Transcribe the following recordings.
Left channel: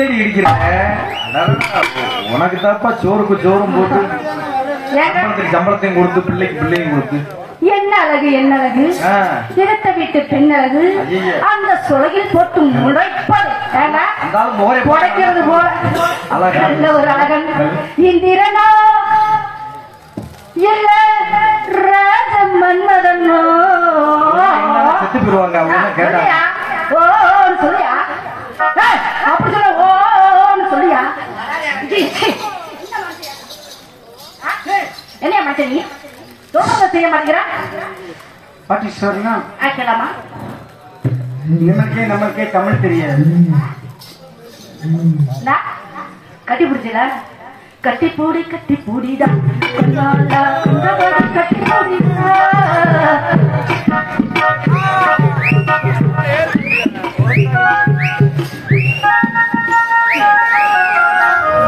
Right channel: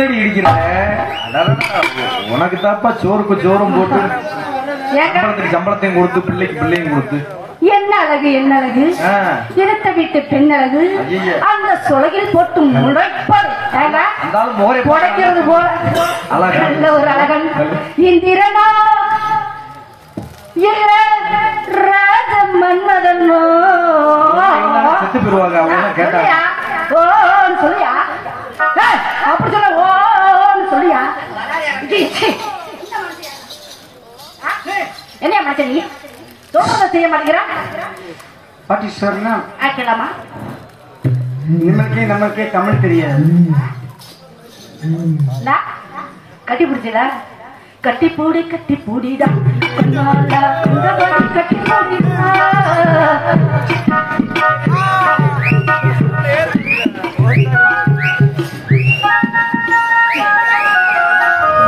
தேடி இடிக்கிற உனக்கு தாப்பா சோறுக்கு சோறும் போட்டு சம்பளத்தையும் கொடுத்து பிள்ளைக்கு பிள்ளையும் கொடுத்து என்ன அழகு என்ன அழகு எடுத்த வீட்டு பெண் அழகு அந்த சுளையில் போட்டு முளைப்பது புடைக்கிறது போல நல்ல ஒரு அழகன் இந்திரனோ இல்ல ராஜ மன்மதனோ செத்து போயிருவாங்க அவங்க கேட்டா ஓ சொல்லியா அப்படி சொல்ல ஓ சொல்லியா என்ன மனுஷன் நீ செய்ய மாட்டேங்கிறா பாட்டி சொன்னா ஆக்கலாமா நமக்கே தமிழ் தெரியாது கட்டி பிடிச்சடா கட்டி பூடிடா கட்டி பூடிடா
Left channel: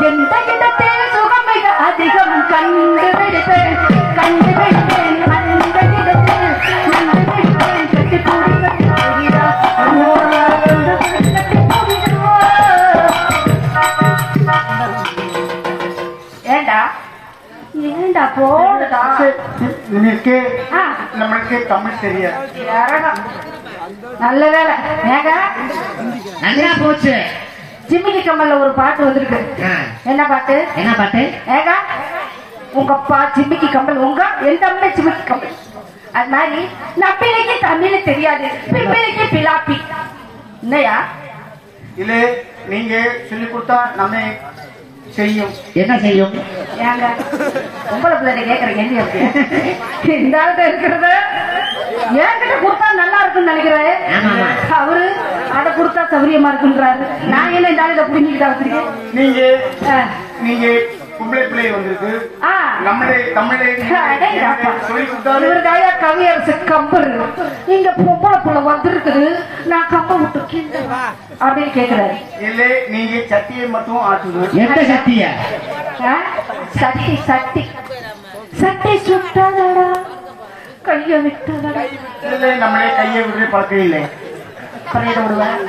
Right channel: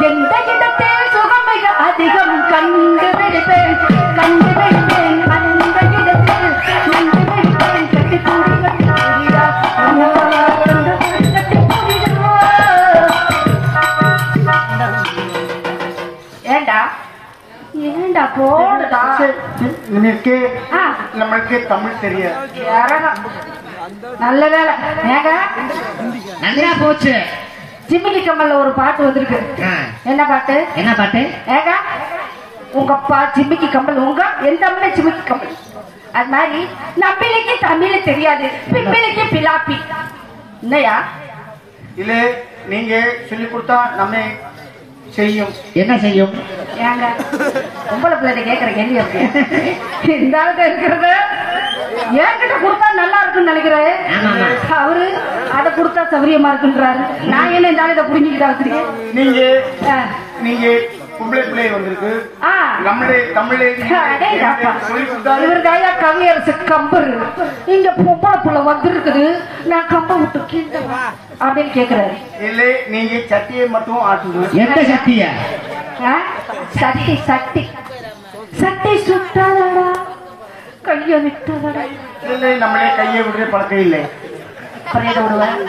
எந்த இடத்தில் சுகம் மிக அதிகம் கண்டுபிடிப்பேன் நம்மளுக்கு தமிழ் தெரியாது நல்ல வேலை நல்லா போச்சு ஜிமிக்கி கம்மல்ல ஒரு பாட்டு வந்திருக்கு என்ன பாட்டு ஏகா உங்க ஜிமிக்கி கம்பல் உங்க எந்த அம்மா ஜிமிக்கி கம்பல் அது மாதிரி நம்பிக்கைக்கு தமிழ் தெரியாது பிம்பிளைக்கு பிலாப்பி இல்லையா இல்ல நீங்க சொல்லி கொடுத்தா நம்ம செய்யும் என்ன செய்யும் ஏங்க பொம்பளை பிள்ளை கேட்கற கேள்வி இருக்கு இந்த ஆளுக்கு இருக்கிறத என்கிட்ட கொடுத்தா நல்லா இருக்குன்னு நினைக்கிறாரு அவரு அதை கொடுத்தா சௌரியமா இருக்குன்றாரு நான் என்ன இந்த ஆளை புரிஞ்சுக்கிட்டா வச்சிருக்கேன் நீங்க பொம்பளை பிள்ளை வந்திருக்கு நம்மளே தமிழை இவருடைய கவியரசு கம்பர் இங்க பொம்பளை பிள்ளை வந்திருக்குது நான் கம்ப விட்டு அப்படின்னு கேக்குறாரு இல்ல நீங்க சட்டியை மட்டும் ஆட்டுங்க எந்த சட்டிய சட்டி சட்டி சட்டி சுட்டாதடா கைய விட்டாதடா இல்ல நம்மளே கையை விடுற பழக்கம் இல்லை பரையிட விடுவேன்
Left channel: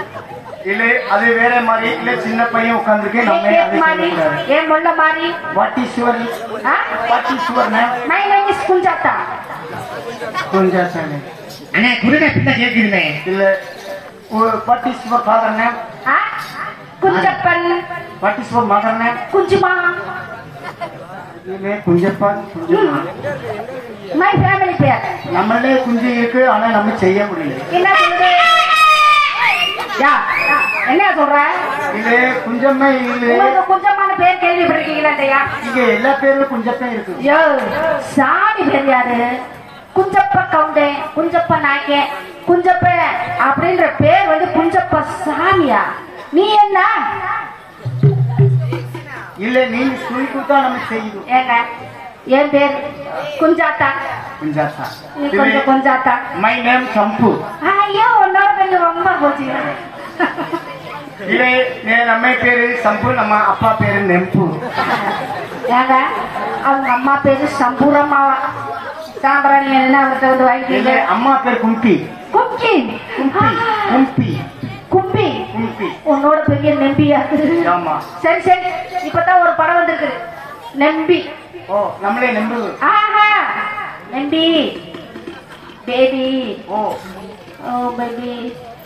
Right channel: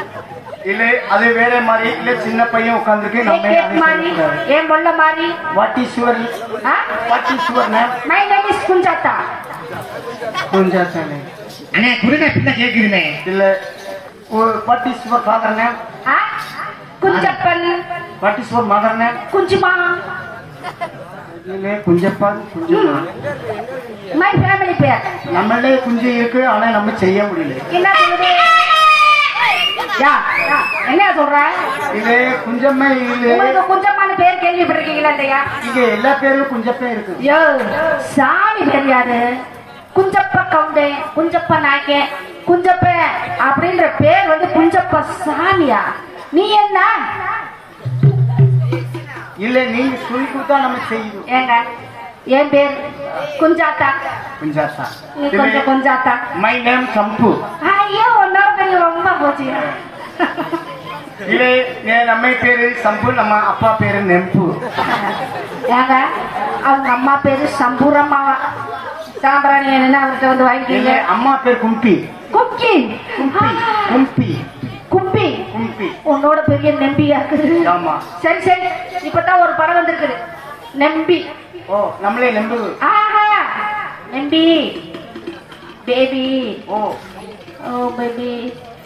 இல்ல அது வேற மாதிரி இல்ல சின்ன பையன் உட்கார்ந்துருக்கு நம்ம ஏன் மொல்ல மாதிரி what is your name my name is Kunjatha அண்ணே குருடா பிள்ளை கேக்குதுமே இல்ல what is your father name Kunjappan what is your mother name Kunjuma இல்ல குஞ்சப்பா குஞ்சுமா மை ஃபேமிலி பேர் நம்மளே குஞ்சு இருக்கு ஆனா நம்ம செய்ய முடியல என்ன என்ன சொல்ற இது குஞ்சம்மே இல்ல குஞ்சம்மான பேர் கேள்விப்பட்டிருக்கீங்களா இல்லையா இங்க எல்லா பேரும் குஞ்சப்பே இருக்கு சாமி தெரியாது குஞ்சப்ப கவுண்டே குஞ்சப்ப நாயக்கே குஞ்சப்ப அப்படின்ற பேர் வந்து குஞ்சப்ப சாமியா நீ என்ன இல்ல நீங்க சொல்லி கொடுத்தா நம்ம செய்யும் ஏங்க என் பேர் குஞ்சாத்தா குஞ்சாத்தா நீ கொஞ்சம் குஞ்சாத்தா மை நேம் சம்பு ஐயோ ஒன்னொரு ரொம்ப போச்சு இல்ல நம்ம பேரு சம்பு நம்ம அப்பா பேரு நெம்பு ஏங்க அவங்க அம்மா பேரு சம்பூரம்மாவா சாம்பிராணி என்ன அவர்கிட்ட வந்து வாங்கிக்கல அம்மா பேர் கும்பி கும்பி கும்பி கும்பி கும்பி கும்பி உன்னோட பெரிய நம்பியா இருக்குது ஆமா சரி சரி இப்பதான் ஒரு படம் வந்திருக்குது நம்பி ஓ நம்மளே நம்பு நம்பி பேபி ஓ ஓ பேபி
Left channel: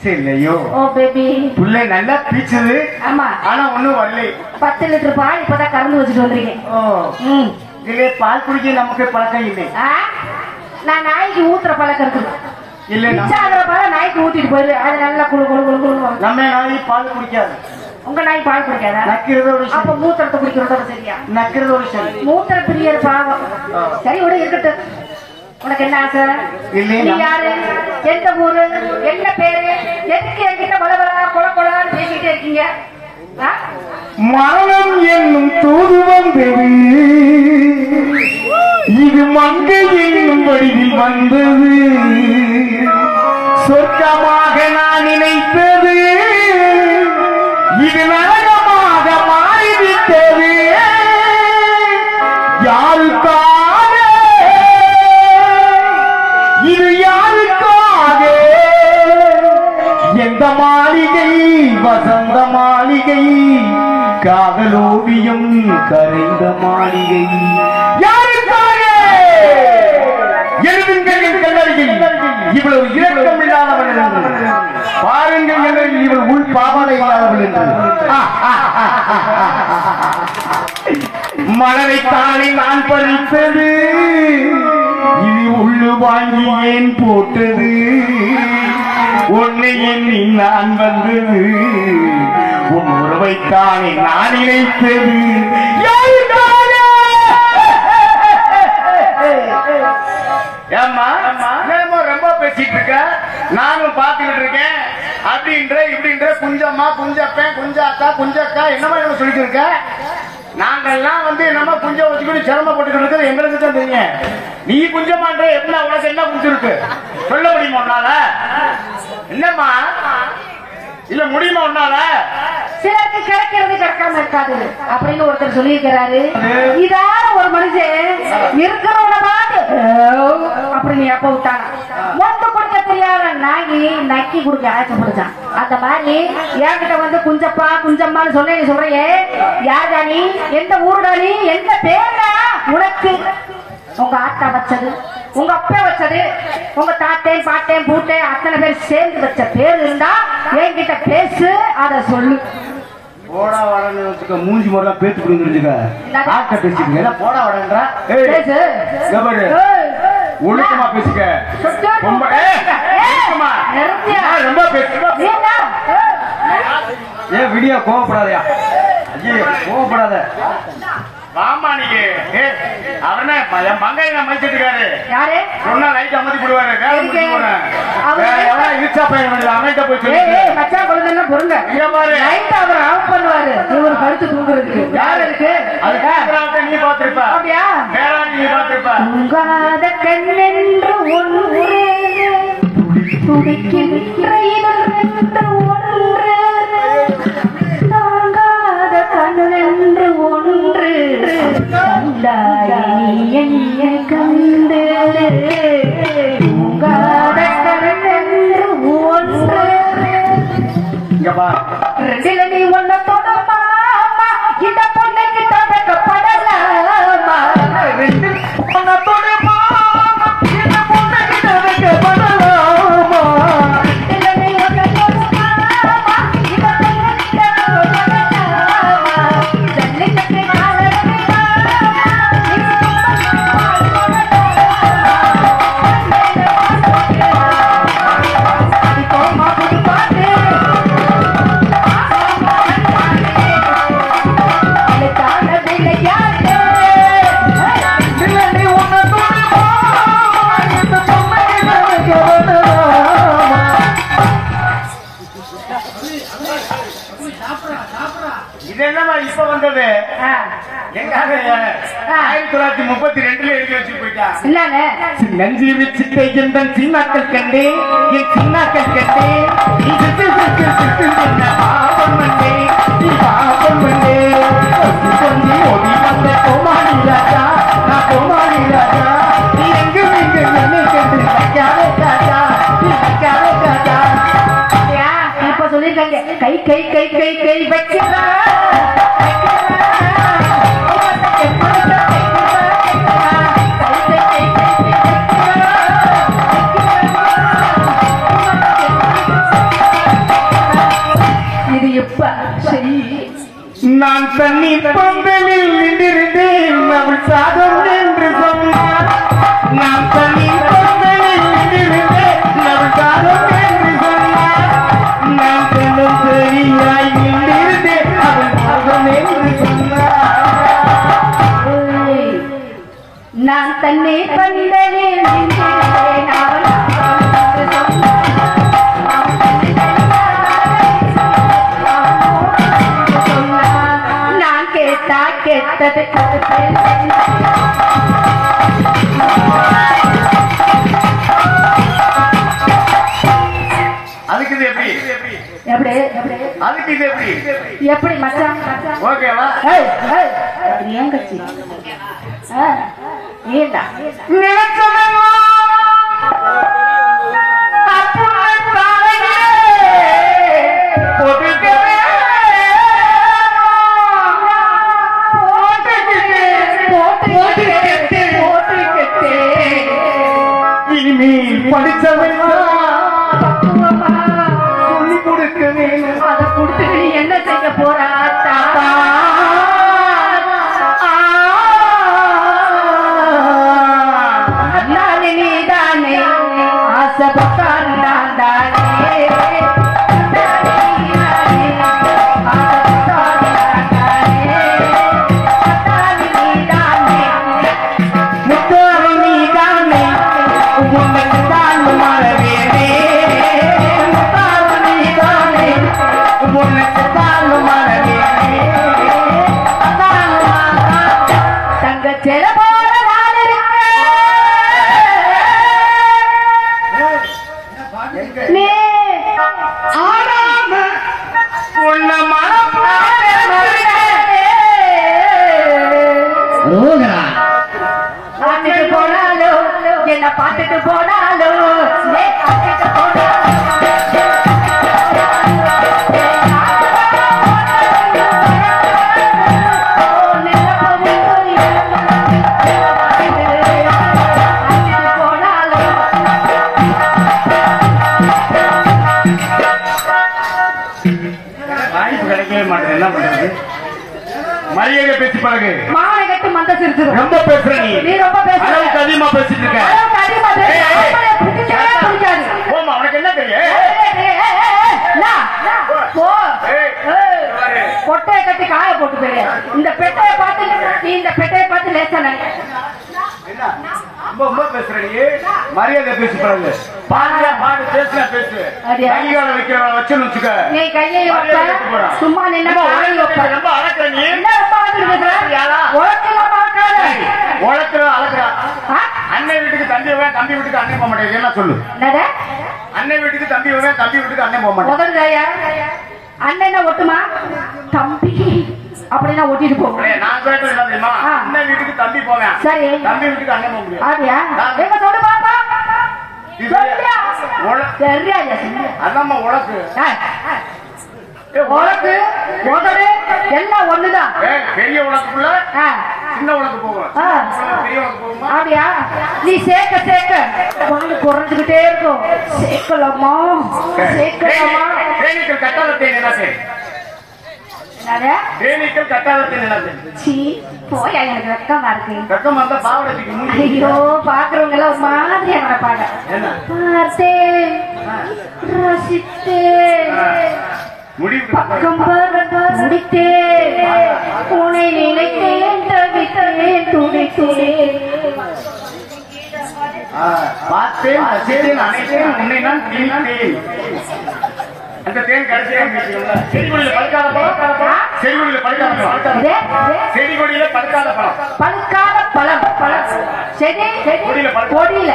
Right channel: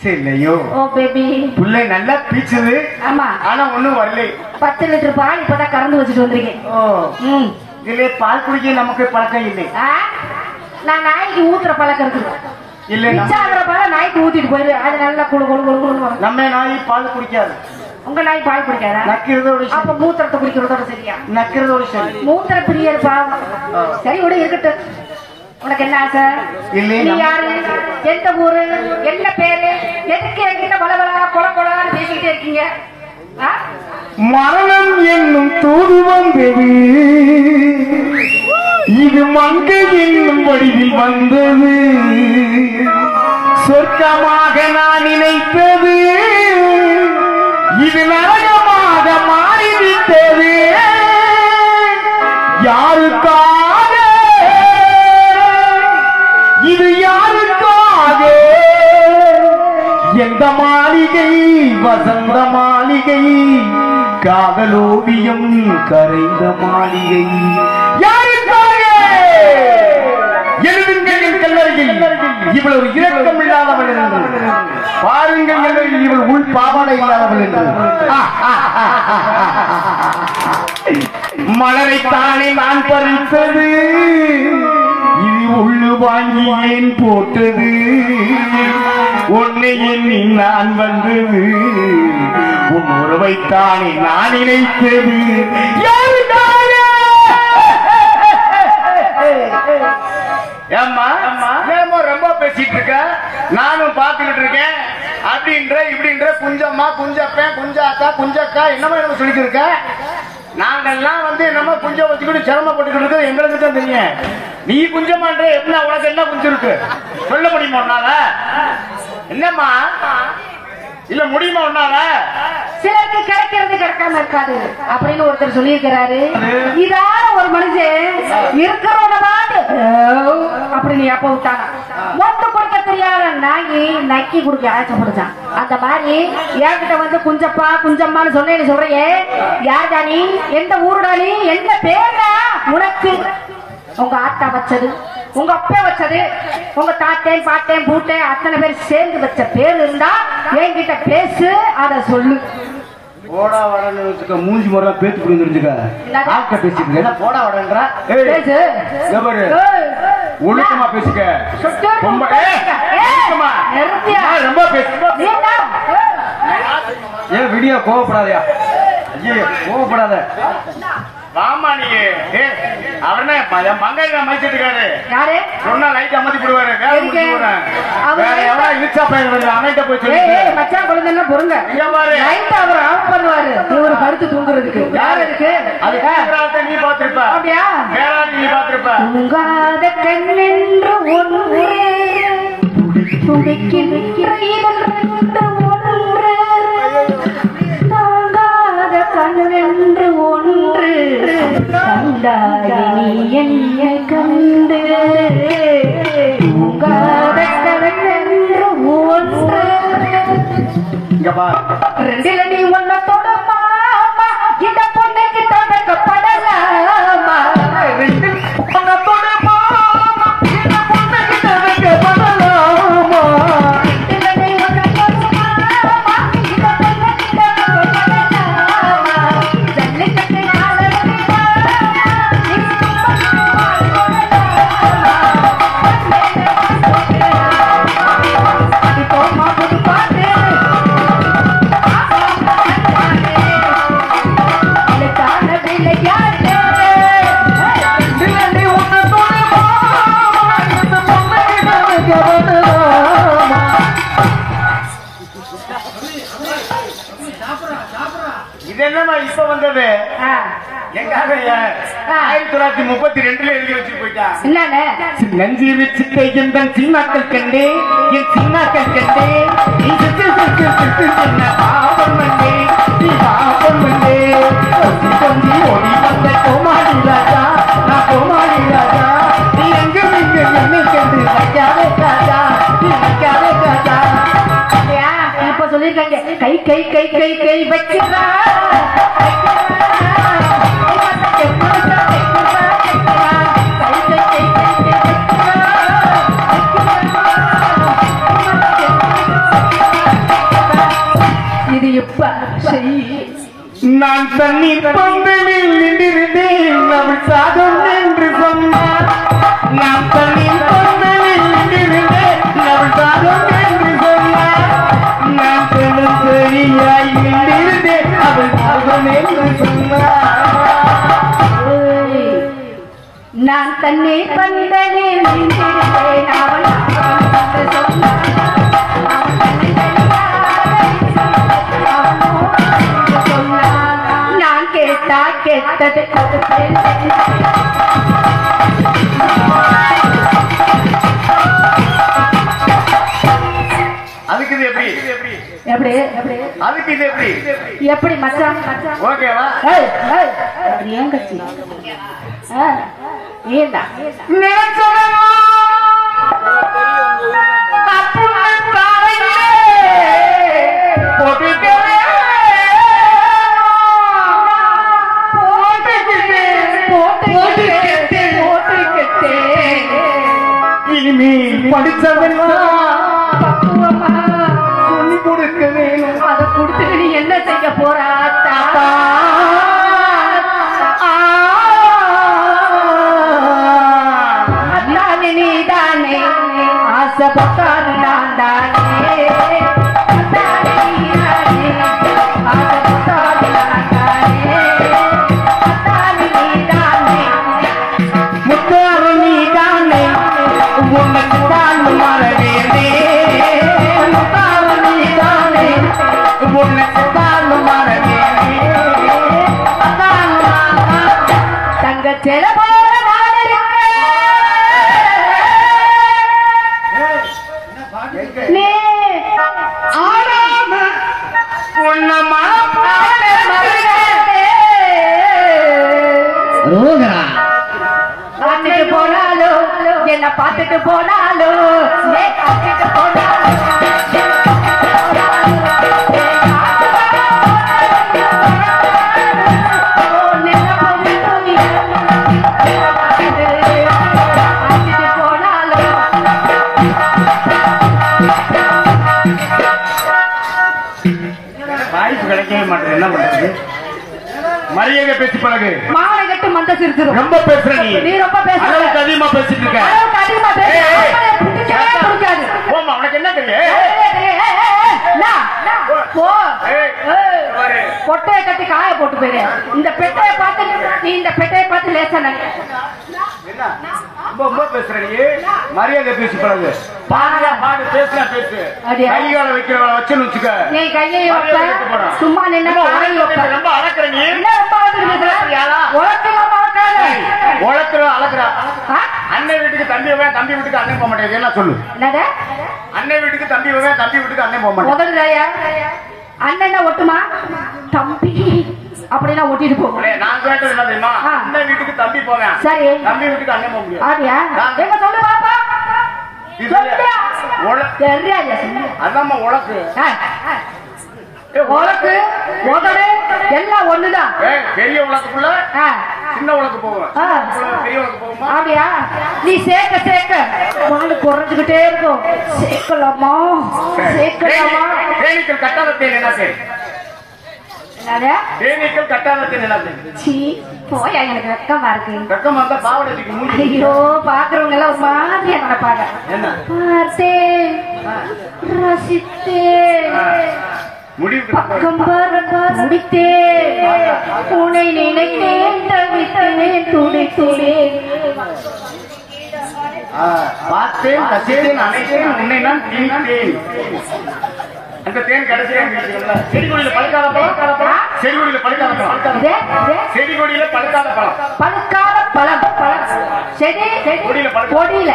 சரிலையோ ஓ பேபி புள்ள நல்லா பீச்சுது ஆமா ஆனா ஒண்ணும் வரல 10 லிட்டர் பால் இப்பதான் கறந்து வச்சுட்டு வந்திருக்கேன் ஓ இதுல பால் குடிக்க நமக்கு பழக்கம் இல்லை நான் நாய்க்கு ஊத்துற பழக்கம் இருக்குது இல்ல மிச்சாகிற பால நாய்க்கு ஊத்திட்டு போயிரு அது நல்லா குழு குழு குழு குழு நம்ம நாய் பால் குடிக்காது உங்க நாய் பால் குடிக்காதா நக்கிறதோட அப்ப மூத்திரத்தை குடிக்கிறதோட சரியா நக்கிறதோட சரி மூத்திர பிரியர் பாவம் சரி விட இருக்கட்டும் உனக்கு என்ன ஆசை நீ யாரு எந்த ஊரு என்ன பேரு எதுக்கு என்கிட்ட பலபலா கொல கொலான்னு பேசிக்கிட்டே இருக்கீங்க மரணம் என்னும் தூதுவம் பெரு இது மங்கை என்னும் வடிவில் வந்தது சொர்க்கமாக நான் நினைத்தது இது நரகமாக மாறிவிட்டது யாருக்காக இது யாருக்காக எந்த மாளிகை வசந்த மாளிகை காதலோவியம் கரைந்த மாளிகை யாருக்காக எழுதுங்கள் என் கல்லறையில் இவ்வளவு இரக்கம் இல்லாதவள் என்று பாருங்கள் கல்லறையில் இவள் உள் பாவனை இல்லாதவள் என்று மலரைத்தானே நான் பறித்தது இது உள்ளு வாங்கி ஏன் போட்டது உன்னை எண்ணி நான் வந்தது உன் உறவைத்தானே நான் நினைத்தது ஏம்மா ஏமா ரொம்ப பேசிட்டு இருக்க நானும் பாத்துக்கிட்டு இருக்கேன் அப்படின்ற இப்படின்ற குஞ்சம்மா குஞ்சப்பேன் குஞ்சாத்தா குஞ்சக்கா என்னமா நம்ம சொல்லிட்டு இருக்க நாங்கெல்லாம் வந்து என்னமா குஞ்ச வச்சுக்கிட்டு சிரமப்பட்டு இருக்கிறது எங்களுக்கு தான் தெரியும் நீ குஞ்சமான்ற என்ன உனக்கு என்ன குஞ்சு இருக்கு சொல்ல முடியுமா உன்னால என்னம்மா இல்ல முடியுமா உன்னால சிலருக்கு கிடைக்கிறது கிடைக்காம இருக்காது அப்படின்னு ஒருத்தர் சொல்லியிருக்கிறாரு இதான ஒரு மனுஷன் இருக்கிறவனவாது அப்படின்னு எப்ப விட்டாங்க மொத்த கொடுக்க தெரியாத நாயி நக்கி குடுக்க ஆசைப்படுச்சான் அந்த மாதிரி என்கிட்ட வந்து குஞ்சப்பா குஞ்சம்மான்னு சொன்னேன்னு சொல்றையே யாருடா நீ எந்த ஊருடா நீ எந்த பேரா உனக்கு உங்க ஆத்தா வச்சது உங்க அப்பா வச்சது உங்க தாட்டேன் பாட்டேன் பூட்டேன் அத்தனை பேர் சேர்ந்து வச்ச பேர் இருந்தா என்கிட்ட பேசு அத சொல்லு போடா வடன்னு வச்சுக்க மூஞ்சி முறை பேத்து புரிஞ்சிருச்சுக்க டாக்டர் பேசிக்க என்ன போடா வடன்றா பேசு ஒழுக்கமா பேசிக்க ரொம்ப ரொம்ப பேசுங்க ஏன் விடியா கோவப்படாதயா கோவப்படாத ஆமா நீங்க அவனே மங்கைய அமைச்சிட்டு இருக்காரு சொன்னா லைட் அமர்த்தி போடுவாரு எவ்வளவு இழுச்சா போயிடுவாரு அவன்கிட்ட போய் சொல்லி மச்சான் குழந்தை பொருங்க லைட் அவர் ஆஃப் பண்ணுவாரு இவர் படுத்து தூங்குறதுக்கு வேற இருக்கு அதுக்காக நீ பாத்திருப்ப அப்படியா வேற நீ பாத்திருப்ப தூங்காத கண்ணென்று ஒன்று துடிக்கின்ற இரண்டு ஒன்று தாங்காத கண்ணென்று ஒன்று கண்டாய் என்ன கண்டு தூங்காத கண்ணென்று ஒன்று ரெண்டில நீ ஒன்ன தொடமா இந்த பொண்ணுக்கு தவிர்க்கப்படலாமா ரெண்டு ஒன்ன தொடமா இந்த பொண்ணுக்கு தவிர்க்கப்படலாமா ரெண்டில நீ ஒன்ன தொடமா இந்த பொண்ணுக்கு தவிர்க்கப்படலாமா ஜல்லிக்கட்டு காலமா இப்போ மாபுடி பாத்து இது என்னமா இப்ப வந்தது எங்க 1932 எழுதி வச்சு போயிட்டா நஞ்சி வச்சுட்டே எந்த சின்னாக்கள் கண்டே என் சின்னாக்கள் கண்டே நீ பாப்பம் பண்ணே நீ பாப்பம் பண்ணே கொஞ்சி ஓடி வந்த கோமாளி ராஜா நான் கோமாளி ராஜா நீ எங்கு நீங்க என்னை கண்டு வைக்காதே ராஜா நீ வைக்காதே ராஜா இப்ப சொல்லிருக்காங்க கை கை கை கை கை வச்சுதா இது எப்ப சரி நான் தண்ணி பந்தலில் நின்றிருந்தேன் அவள் சாதம் என்று சொன்னார் நான் தண்ணி பந்தலில் நின்றிருந்தேன் அவள் சாதம் என்று சொன்னார் நான் பெண்ணும் சரியாய் நின்றிருந்தேன் அவள் சாதம் என்று சொன்னார் நான் தன்னை பந்தலில் நின்றேன் அவள் நான் கேட்டா கேட்டது அதுக்கு இது எப்படி எப்படி அதுக்கு இது எப்படி எப்படி மச்சான் ஓகேவா ஏன் கட்சி ஏண்டா என்ன பார்த்துட்டு போனாலும் கிடைக்கவே மாட்டேன். என்ன பண்றது? மரியாதை பேச்சு பழகு. மாலை கட்டு மந்த சிரிச்சு ரொம்ப பேசுற நீ ரொம்ப பேசுற. அளவுக்கு அதிகமா பேசிட்டு இருக்க. போமா, உனக்கு என்ன தெரியும்? பொட்டையை கட்டி காய போட்டு போயிரு. இந்த பெட்டையை பார்த்து நீ இந்த பெட்டையை பார்த்து லேசா நினை. ரொம்ப பேசுற நீ. மரியாதை பேச்சு பழகு. பாடுறா பாடு, பேசுனா பேசு. கையால வைக்கிற வச்சுன்னு வச்சுக்க. நீ கையை வைப்ப, சும்மா நின்னா காய் வைப்ப. ரொம்ப அழக்கிற நீ. என்ன ரொம்ப அழகுற? உழக்கிறா அழகிறா. அண்ணன் வீட்டுக்கு தம்பி போவேன், தம்பி வீட்டுக்கு அண்ணன் போக மாட்டேன். என்ன சொல்லு? அண்ணன் வீட்டுக்கு தம்பி போவேன், தம்பி வீட்டுக்கு அண்ணன் போக மாட்டேன். முதல்ல அண்ணன் ஒட்டுமா தம்பி அப்படின்னா ஒட்டிட்டு போவோம். நான் கேட்டது என்ன தெரியுமா? அண்ணன் வீட்டுக்கு தம்பி போவேன், சரி, தம்பி வீட்டுக்கு அண்ணன் போக முடியாது. அப்படியா? எங்க சொல்லு பாப்பா. அதாம்மா உழக்கு. உழக்கு உதடு எல்லாம் ஒண்ணுதான். பெரிய உலகத்துக்குள்ள சின்ன உலகம் போவோம், பெரிய உலகம் போவோமா? அப்படியா? நீ சேர்க்க சேர்க்க வாழ் குறைஞ்சுக்கிட்டே இருக்கும். சேர்க்கலாமா சேர்க்கலாமா? தேனீக்கள் கட்டாதத்தை என்ன? தேனீக்கள் கட்டாதத்தை என்ன? போயா, எனக்கு வெக்கமா இருக்கு. வெக்கமா இருந்தா பாவடைக்கு மூடி. ஐயோ, பாக்குறவங்க எல்லாம் ஒரு மாதிரியா நடப்பாங்க. பார்த்தேன், ரசித்தேன், பக்கம் முடித்தேன், உன்னை நினைத்தேன், தவித்தேன், துடித்தேன். பார்த்தேன், ரசித்தேன், அனைத்தேன், உன்னை நான் தீர்த்தேன். அந்த தேன் கடைசியா செடிகொடியில பழுக்காத பழம், செடிகொடியில பழுக்காத பழம், செடிகொடியில பழுக்காத பழம், பழுக்காத பழம், செடி கொடியில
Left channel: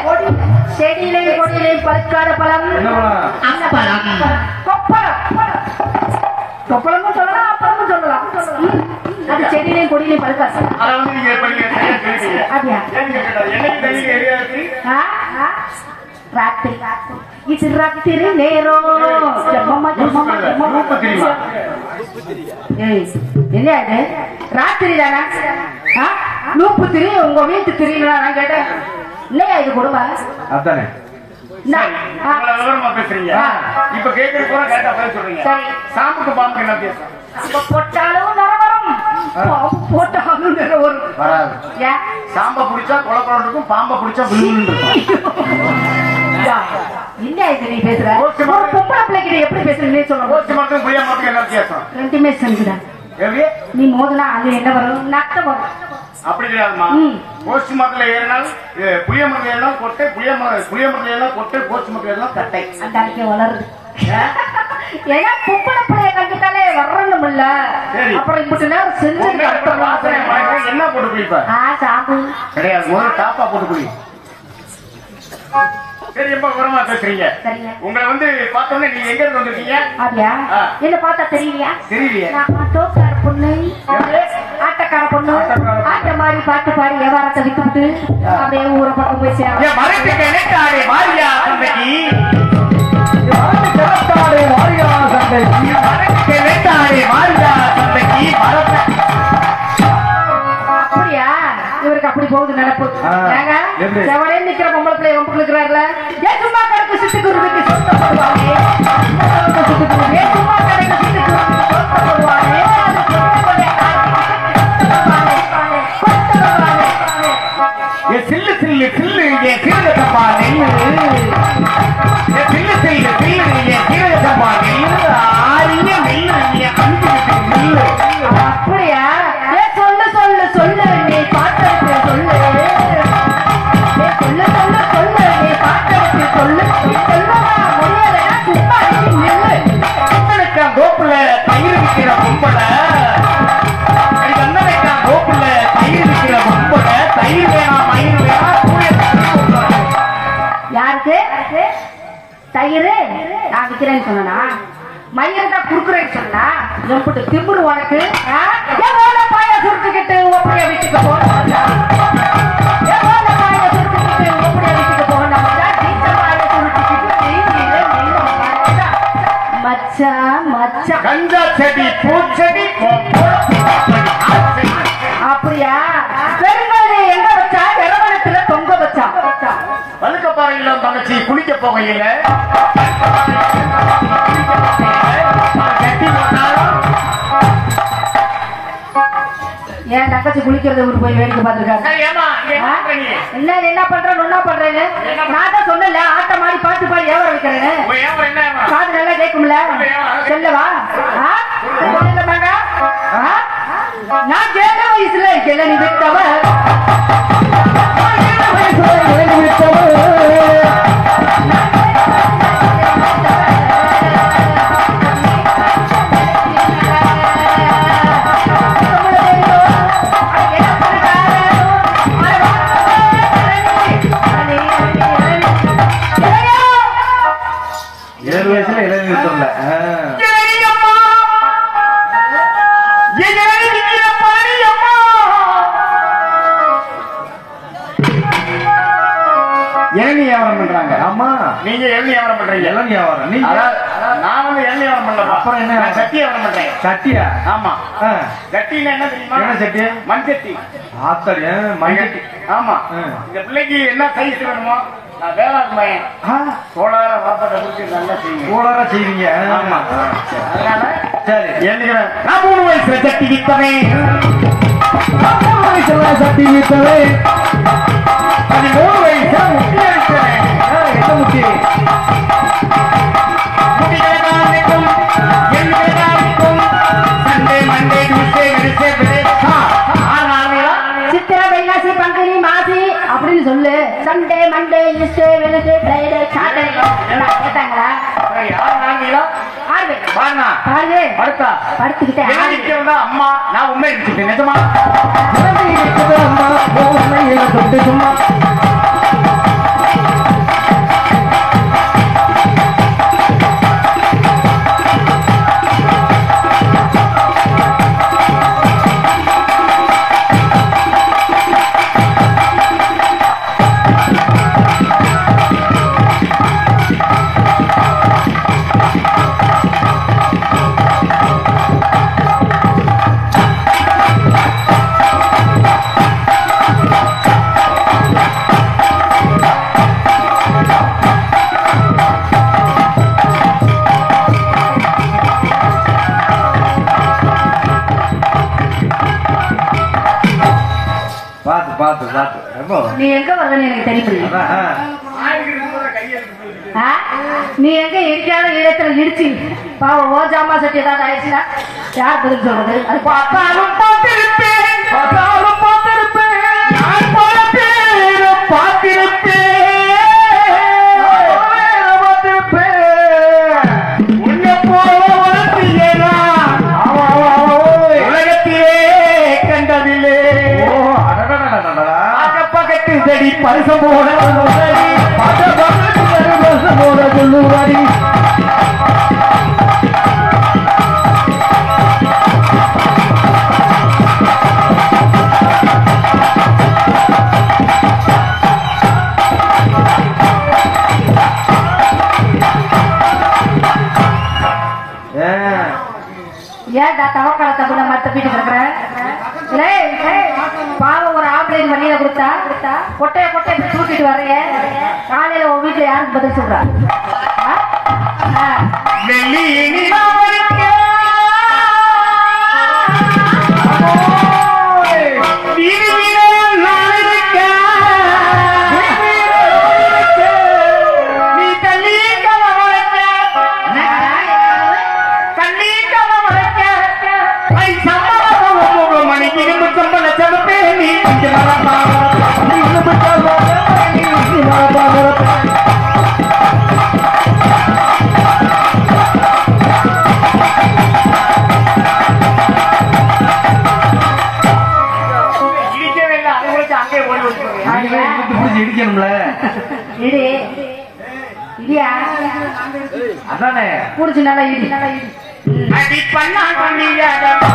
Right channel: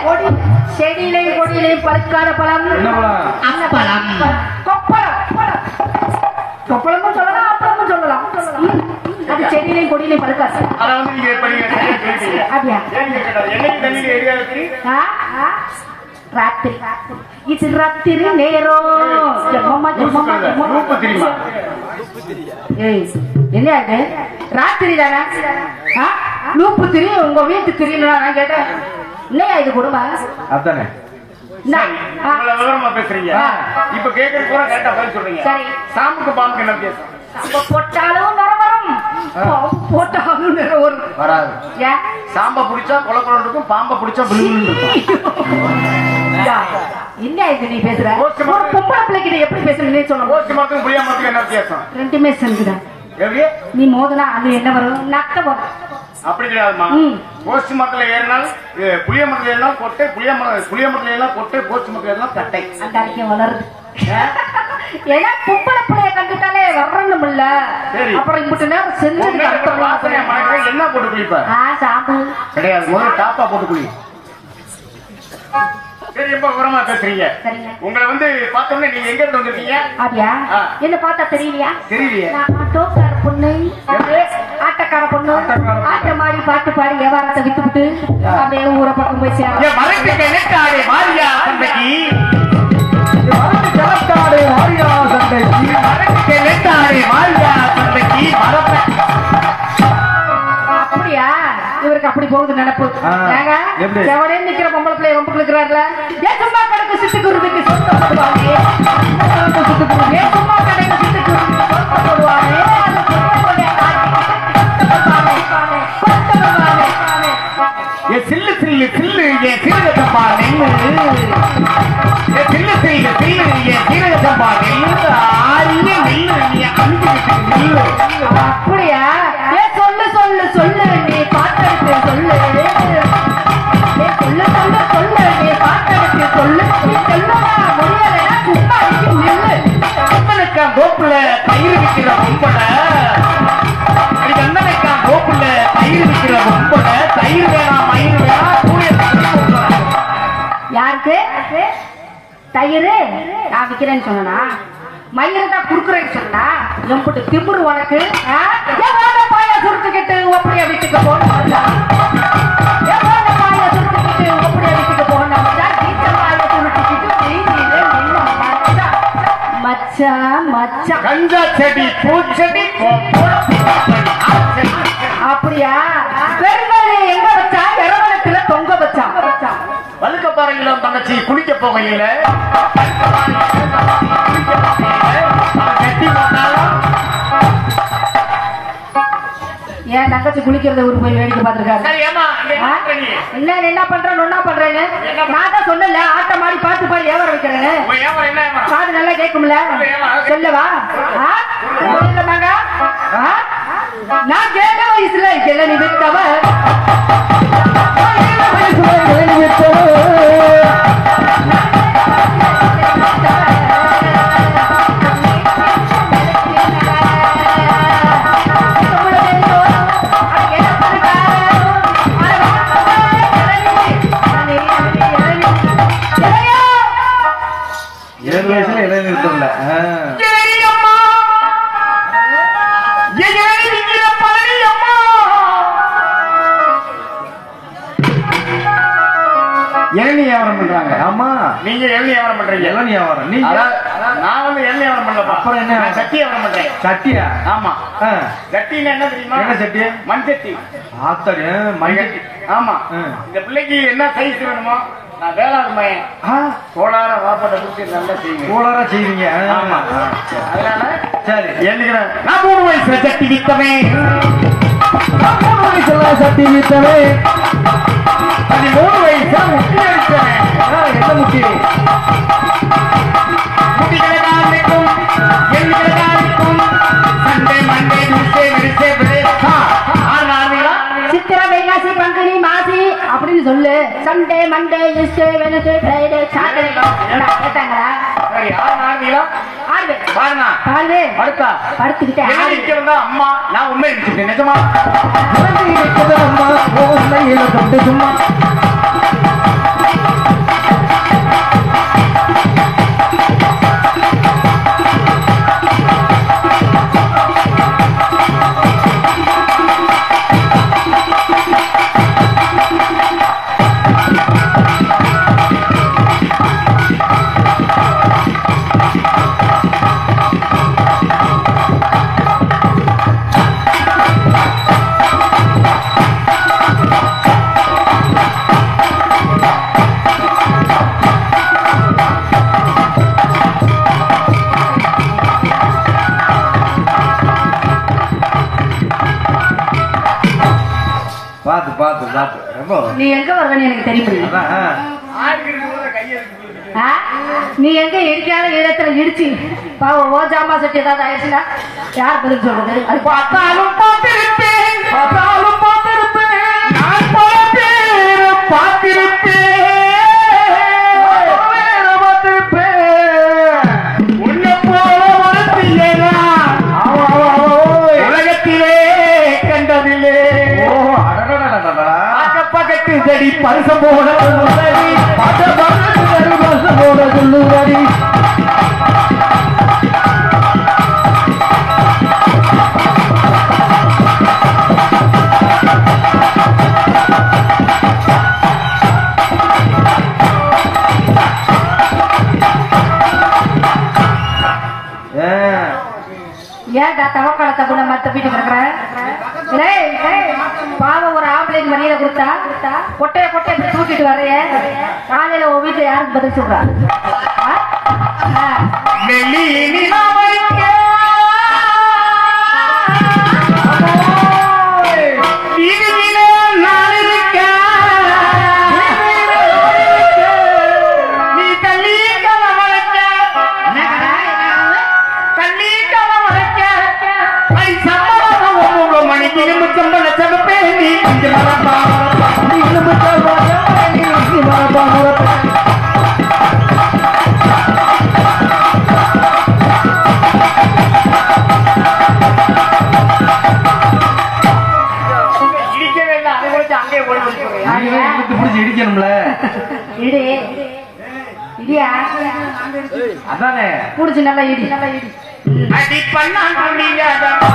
செடியிலே கொடியிலே பழுக்காத பழம், பழம் கொப்பளம். கொப்பளமும் சொல்லலாம், அப்பளமும் சொல்லலாம். அது செடியிலே கொடியிலே பழுக்காது. அதை வந்து நீங்க அப்படியா? என்னைக்கு தண்ணி எரியாது. ராத்திரி இது ராத்திரி நேரம். என்ன ராத்திரி தானே? லூப்பு திரி உங்க வீட்டு திரினா நான் கேட்டேன். இல்லையா இது குடும்பம்? அதானே விவரமா பேசுறீங்க. இப்ப கேட்கறது கூட கரெக்டா பதில் சொல்றீங்க. சரி, சாம்புக்கு பாம்புக்கு என்ன பேசும்? போட்டாலும் வரும், போட்டாலும் வரும் வராது. சாம்பா பிடிச்சா குளக்குளம் இருக்கும், பாம்பை பிடிச்சா விழுந்து இருக்கும். என்ன இது நீ பேசுற? பொம்பளை பிள்ளைகிட்ட எப்படி பேசுறீங்கன்னு சொல்லுங்க. கோஷ்டி மட்டும் புளியா மட்டும் என்ன வித்தியாசம்? ரெண்டுமே சொல்லுடா. நீ மோதனா அது என்ன வரும்? நட்ட வரும். அப்படி கிடையாதுமா. கோஷ்டி மரத்துல ஏறினால் புளிய மரத்துல ஏறினா கொட்டை, புளிய மரத்துல ஏறினா கொட்டை, கோஷ்டி மரத்துல ஏறினா கட்டை. அந்த அன்னைக்கு வளருது. ஏன்னா பொம்பளை பிள்ளைய கண்டுட்டாலே வரணும் இல்ல. அப்புறம் இப்படி நேரம் செஞ்சு என்ன போட்டு குளிப்ப? சாம்பு கிடையாது, ஒரு டாப்பா போட்டு குளி. சரி, ரொம்ப விவரமா பேசுறீங்க. உங்களை வந்து பார்த்தோன்னே நீங்க எங்க இருந்து வந்திருக்கீங்க? அப்படியா? என்ன பார்த்தா தெரியலையா? தெரியலையே. தோக்கார பொண்ணு, ஆட்டக்கார பொண்ணு, ஆட்ட மாதிரி பாட்டு பாடி வியாபாரத்தை விட்டுவிட்டு அப்படியே ஊரை பக்கம் போய் சேரும். மரத்துக்கு நினைக்காதே மாரியா சந்தைக்கு, அப்படியா? இவருக்கு அப்படி போகுது நினைப்பு. எவனே நிக்கிற பொம்பளை பிள்ளை ஒன்று இருக்கிறார்ல, ஏன் சும்மா கணக்கு சிட்டு குருவிக்கு சுத்தப்படுவானே, ஏன் சும்மா கடைக்கு சிட்டு குருவிக்கு சுத்தப்படுவானே, சில்லு சில்லு சில்லு சில்லு நான் விக்கிறேன்னு சொன்னா மயிர் தான் குடுக்குறேன்னு சொன்னா எம்பிட்டு திமுரு உனக்கு பாய சுருட்டுக்கிட்டு ஒப்படியா வீட்டுக்கு போன பாய சுருட்டுக்கிட்டு ஒப்படியா வீட்டுக்கு போன பாய சுருட்டுக்கிட்டு மச்சான் மச்சான் கஞ்சா செடி பூச்செடி அப்படியா பெருமாள் எங்க வச்சா இளவரத்துல தொங்க வச்சா வழுக்கப்பாறையில தங்கச்சி குளிக்க போகையில ஏன் தங்கச்சி குளிக்கிறத ஒரு போய் வேடிக்கை பார்த்திருக்காங்க சரி, ஏம்மா, இங்க என்ன பண்ணி? என்ன பண்றேன் ஒன்னா பண்றேன்னு நான் தான் சொன்னல ஆட்ட மாடி பாட்டு பாடி ஏவர வைக்கிறேன்னு உன் ஏம்மா என்ன ஏம்மா? காது நல்லா கேட்கும்ல சொல்லவா சொல்லுவாங்க நான் கேட்க வயசுல கிளறி விட்டவன் ஏழு வயசுல இளைஞர் இளநீ வியாபாரம் பண்றாங்க. ஆமா, நீங்க இளநீ வியாபாரம் பண்றீங்க. இளநீ வியாபாரம் நீங்க? நான் வந்து இளநீ வியாபாரம் பண்ணல. அப்புறம் என்ன? நான் சட்டி வியாபாரம் பண்றேன். சட்டியா? ஆமா. சட்டினா என்ன தெரியுமா? என்ன சட்டி? மண் சட்டி. ஆத்தடி மண் சட்டி. ஆமா. இந்த பிள்ளைக்கு என்ன சைஸ் வேணுமோ நான் வேளாண்மையன் கோளார வாப்பாட்ட கொடுத்து நல்லா செய்வீங்க. கோளாரா செய்வீங்க. ஆமா. அதனால சரி எழுதிக்கிறேன். நான் 3 வயசுல சட்டி வித்தவன். 3 வயசுல சட்டி வித்தவன். 13 வயசுல முட்டி அடித்தவன். என்ன முட்டி? முடிகிறதாகும் எழுகிறதாகும் Sunday Monday Tuesday Wednesday Friday சித்திரை வைகாசி பங்குனி மாசி அப்படின்னு சொல்லு. Sunday Monday Tuesday Wednesday Friday Saturday கேட்டாங்களா? படுத்துக்கிட்டேன். அம்மா நான் உண்மை நினைச்சிட்டேன். நிஜமா சும்மா நீ எங்க வர்றன்னு எனக்கு தெரியும். நீ எங்க எரிக்காத இடத்துல இடிச்சு பாவம் ஓஜாமா சட்டி ஏதாவது ஆயிடுச்சுன்னா யார் பதில் சொல்றது? பார்த்தாலும் பார்த்திருப்பேன், பார்த்தாலும் பார்த்திருப்பேன், பார்த்திருப்பேன் உன்னை போல வாழ்த்தியேனா உலகத்திலே கண்டதில்லே. பக்கத்து செடி பரிசம் போல போல சொல்லுவாரி. ஏன்டா தவக்காலத்தை கூட மத்த வீட்டு இருக்கிறேன்? பாவம் ஒரு ஆம்பளை மணியில கொடுத்தா கொட்டைய கொட்டை தூக்கிட்டு வரைய காலையில உன் வீட்டுல யாருக்கு பதில் சொல்றா? அதானே புடிச்சு நல்லா இடி அடி பண்ணா கண்ணியாத என்னப்பா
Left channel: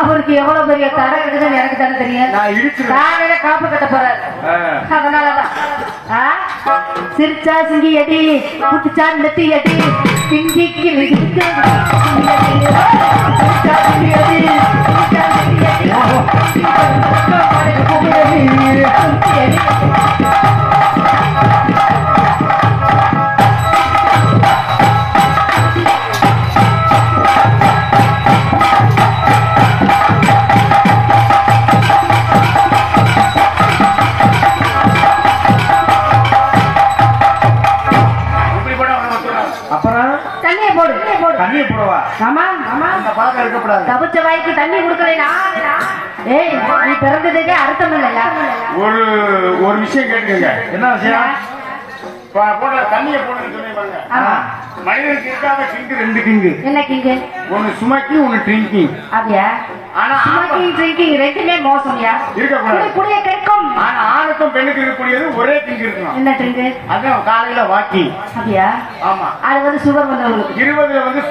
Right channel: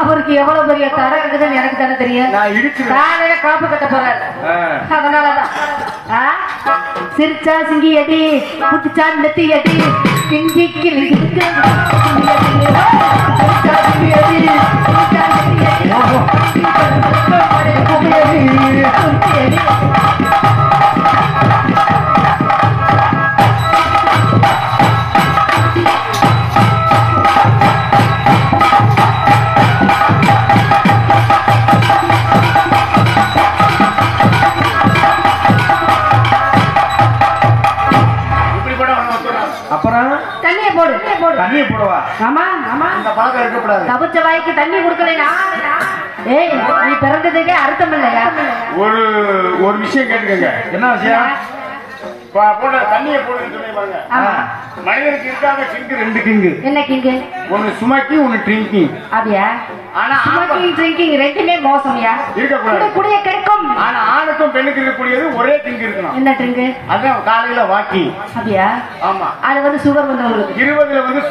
அவருக்கு எவ்வளவு பெரிய தர இருக்குதுன்னு எனக்கு தானே தெரியும். நானே காப்பு கட்ட போறேன். அதனாலதான் சிரிச்சா சிங்கி அடி புட்டுச்சா நெத்தி அடி சிங்கிக்கு தண்ணி போடுவா. ஆமா ஆமா கபுச்ச வாய்க்கு தண்ணி கொடுக்கலையா? ஏய் நீ பிறந்ததுக்கே அர்த்தம் இல்லையா? ஒரு விஷயம் கேட்டுக்கங்க. என்ன விஷயம்? தண்ணியை போடுங்க. மனிதனுக்கு இருக்காங்க கிங்கு, 2 கிங்கு. என்ன கிங்கு? ஒன்னு சுமக்கி, ஒன்னு ட்ரிங்கிங். அப்படியா? ஆனா சுமக்கி ட்ரிங்கிங் ரெண்டுமே மோசம்யா. இருக்கக்கூடாது. குடிய கெடுக்கும். ஆனா ஆணுக்கும் பெண்ணுக்கு இருக்கக்கூடியது ஒரே கிங்கு இருக்கணும். என்ன கிங்கு? அதான் காலையில வாக்கிங். அப்படியா? ஆமா. அது வந்து சுகர் வந்தவங்களுக்கு. 20ல வந்து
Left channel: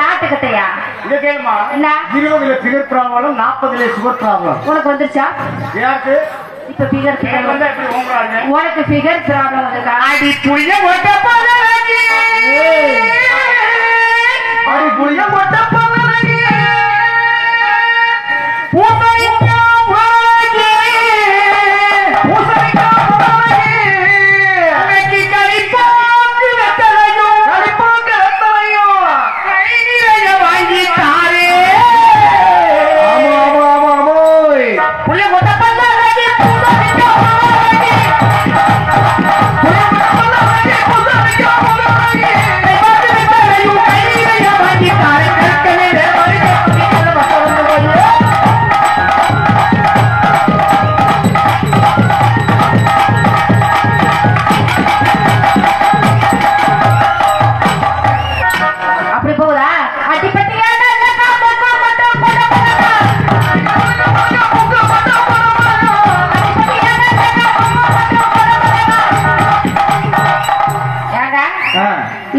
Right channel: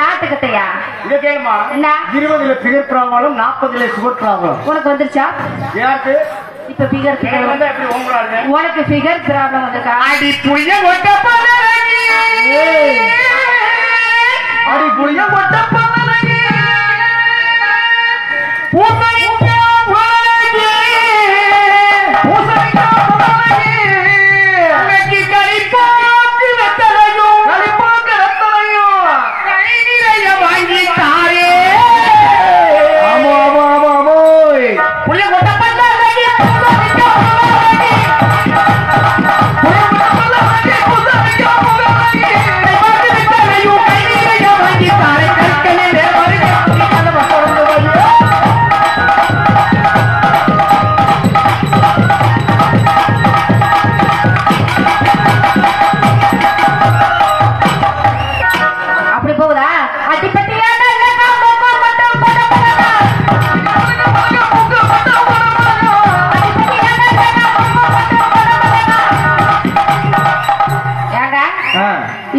நாட்டுக்கட்டையா? இங்க கேளுமா. என்ன? 20ல பிகர் ப்ராப்ளம், 40ல சுகர் ப்ராப்ளம். உனக்கு வந்துருச்சா? யாருக்கு? இப்ப பிகர் வந்தா எப்படி ஓங்குறாங்க? உனக்கு பிகர் ப்ராப்ளம் வந்திருக்கா? அடி புளிய மொட்ட பலகி, அடி புளிய மொட்ட பலகி, பூசணிக்கா பலகி, பூசணிக்கா பலகி, அன்னைக்கு கலிப்பாக்கு வெத்தலையும், கலிப்பாக்கு வெத்தலையும், கை நிறைய வாங்கி தாரே. ஆமா ஆமா ஆமா ஆமோய். புளிய மொட்ட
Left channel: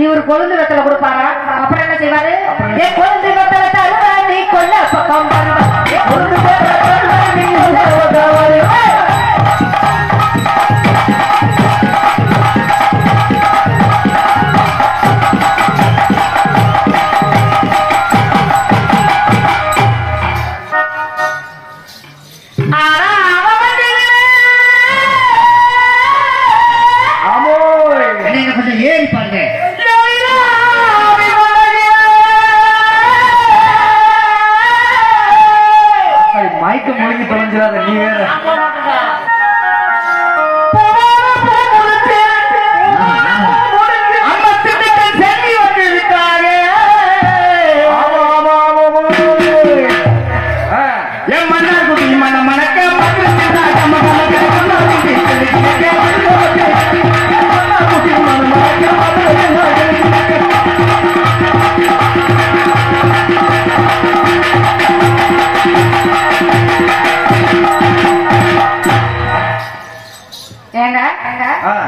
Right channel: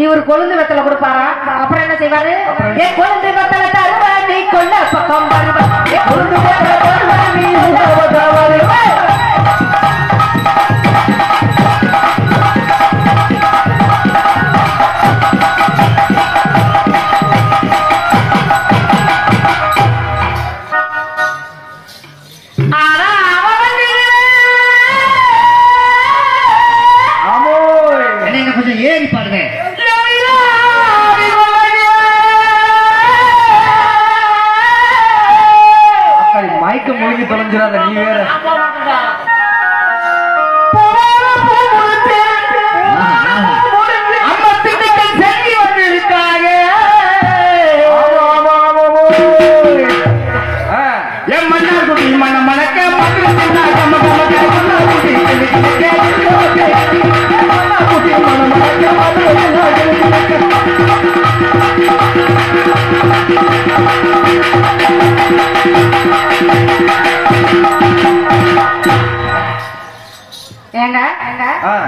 இவர் கொழுந்து வெத்தலை கொடுப்பாரா? அப்புறம் என்ன செய்வாரு? கொழுந்து வெத்தலை தருவா நீ கொல்ல பக்கம் கொழுந்து வெத்தலை தருவா நீ கொஞ்சம் ஏறி பாருங்க. மயக்க மொழிக்கு தொலைஞ்சிடாத நீ வேற.